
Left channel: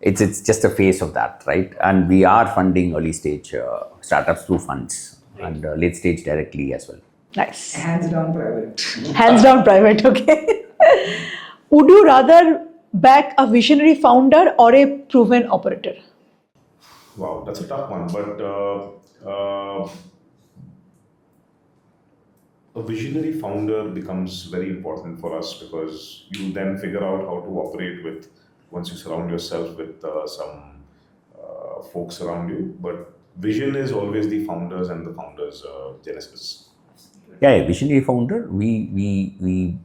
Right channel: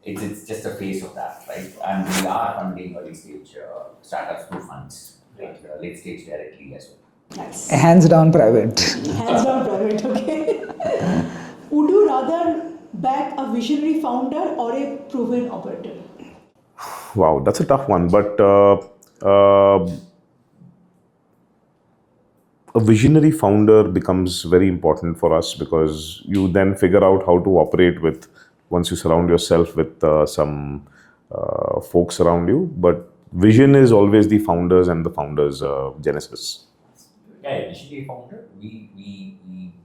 it's just a phase of that, right? And we are funding early stage startups through funds and late stage directly as well. Nice. Hands down private. Hands down private. Okay. Would you rather back a visionary founder or a proven operator? Wow, that's a tough one. But a visionary founder becomes very important for us because you then figure out how to operate with, once you surround yourself with some folks around you. But vision is always the founders and the founders' genesis. Yeah, visionary founder. We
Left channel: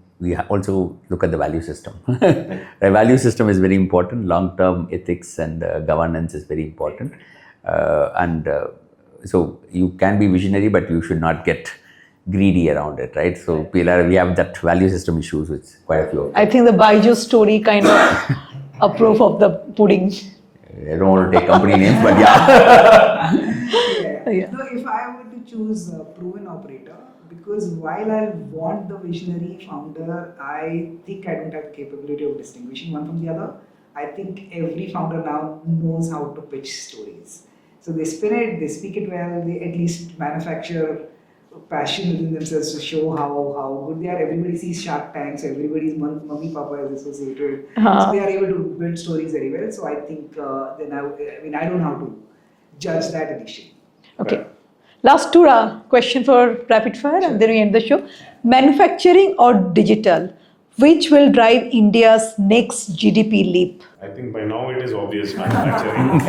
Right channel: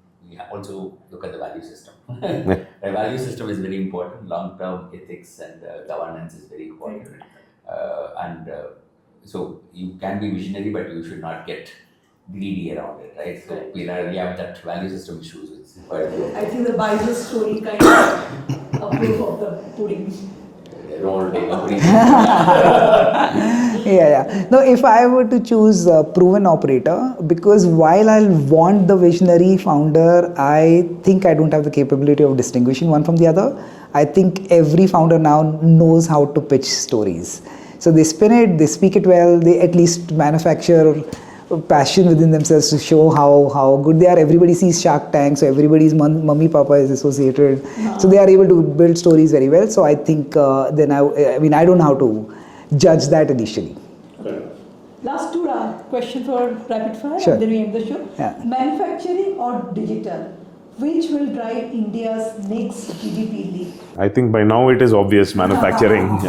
also look at the value system. The value system is very important. Long-term ethics and governance is very important. So you can be visionary, but you should not get greedy around it, right? So we have that value system issues with quite a few. I think the Baiju story kind of a proof of the pudding. I don't want to take company names, but yeah. Yeah. No, if I were to choose a proven operator, because while I want the visionary founder, I think I don't have the capability of distinguishing one from the other. I think every founder now knows how to pitch stories. So they spin it, they speak it well, they at least manufacture passion within themselves to show how good they are. Everybody sees Shark Tank, so everybody's mummy papa is associated. So they are able to build stories very well. So I think I don't know how to judge that initially. Okay. Last two question for rapid fire, Sure. and then we end the show. Yeah. Manufacturing or digital? Which will drive India's next GDP leap? I think by now it is obvious manufacturing.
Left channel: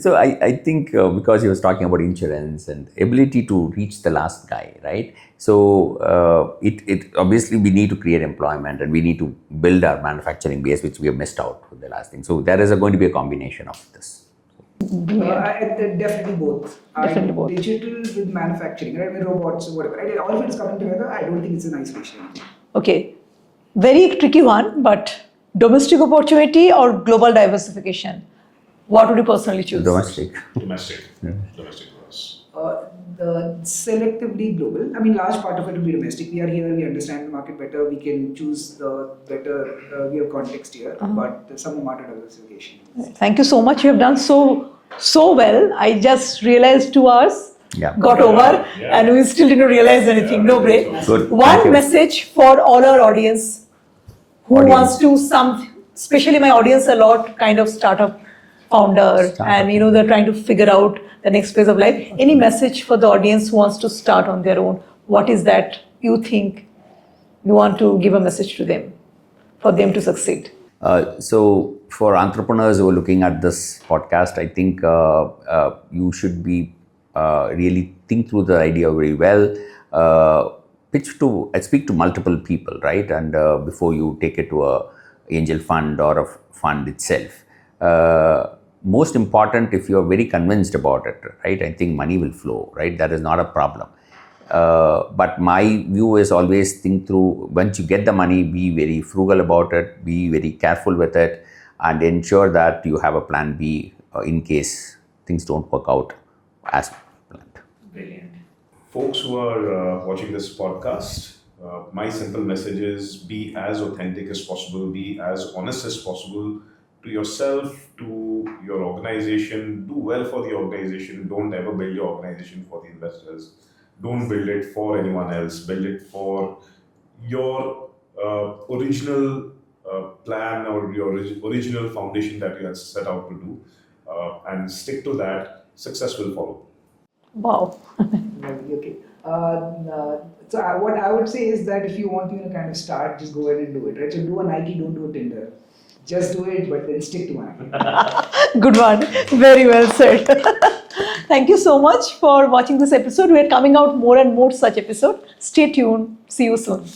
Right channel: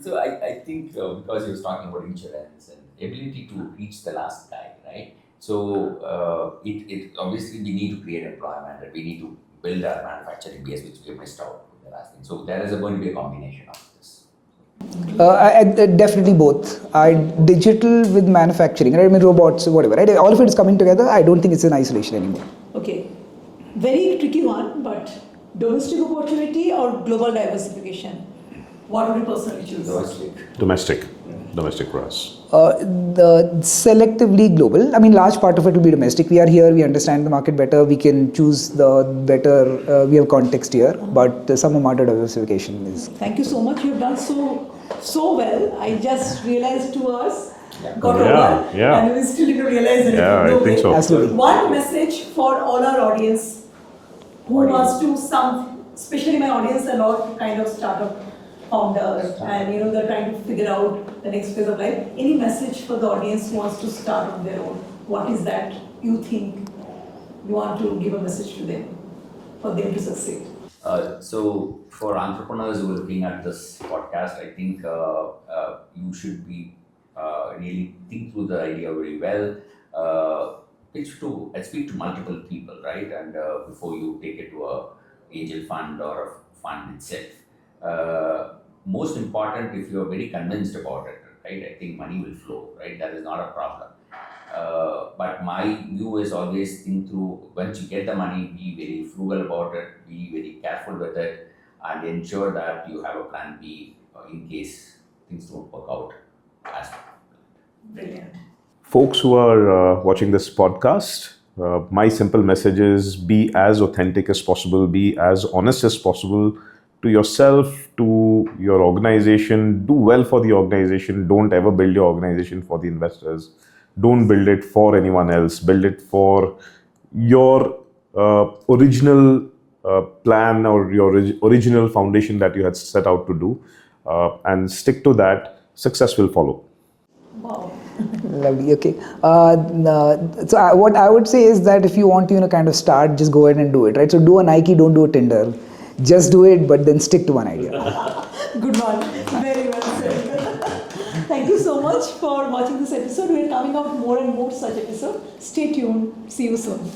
So I think because he was talking about insurance and ability to reach the last guy, right? So it obviously we need to create employment and we need to build our manufacturing base, which we have missed out with the last thing. So there is going to be a combination of this. Definitely both. Digital with manufacturing, right? I mean, robots, whatever, right? All of it is coming together. I don't think it's in isolation anymore. Okay. Very tricky one, but domestic opportunity or global diversification? What would you personally choose? Domestic. Domestic for us. The selectively global. I mean, large part of it will be domestic. We are here. We understand the market better. We can choose the better. We have context here, but some amount of diversification is. Thank you so much. You have done so well. I just realized 2 hours got over, and we still didn't realize anything. No break. So. One message for all our audience who wants to especially my audience a lot, kind of startup founder and they're trying to figure out the next phase of life. Any message for the audience who wants to start on their own? What is that you think you want to give a message to them for them to succeed? So for entrepreneurs who are looking at this podcast, I think you should be really think through the idea very well. Speak to multiple people, right? And before you take it to a angel fund or a fund itself. Most important, if you are very convinced about it, right? I think money will flow, right? That is not a problem. But my view is always think through, once you get the money, be very frugal about it, be very careful with it, and ensure that you have a plan B in case things don't work out as planned. Brilliant. Folks who are watching this podcast, my simple message is be as authentic as possible, be as honest as possible to yourself, to your organization. Do well for the organization. Don't ever build your organization for the investors. Don't build it for anyone else. Build it for your original plan or your original foundation that you had set out to do, and stick to that. Success will follow. Wow. Lovely. Okay. So what I would say is that if you want to, kind of start, just go ahead and do it, right? So do a Nike, don't do a Tinder. Just do it, but then stick to one idea. Good one. Very well said. Thank you so much for watching this episode. We're coming out more and more such episodes. Stay tuned. See you soon.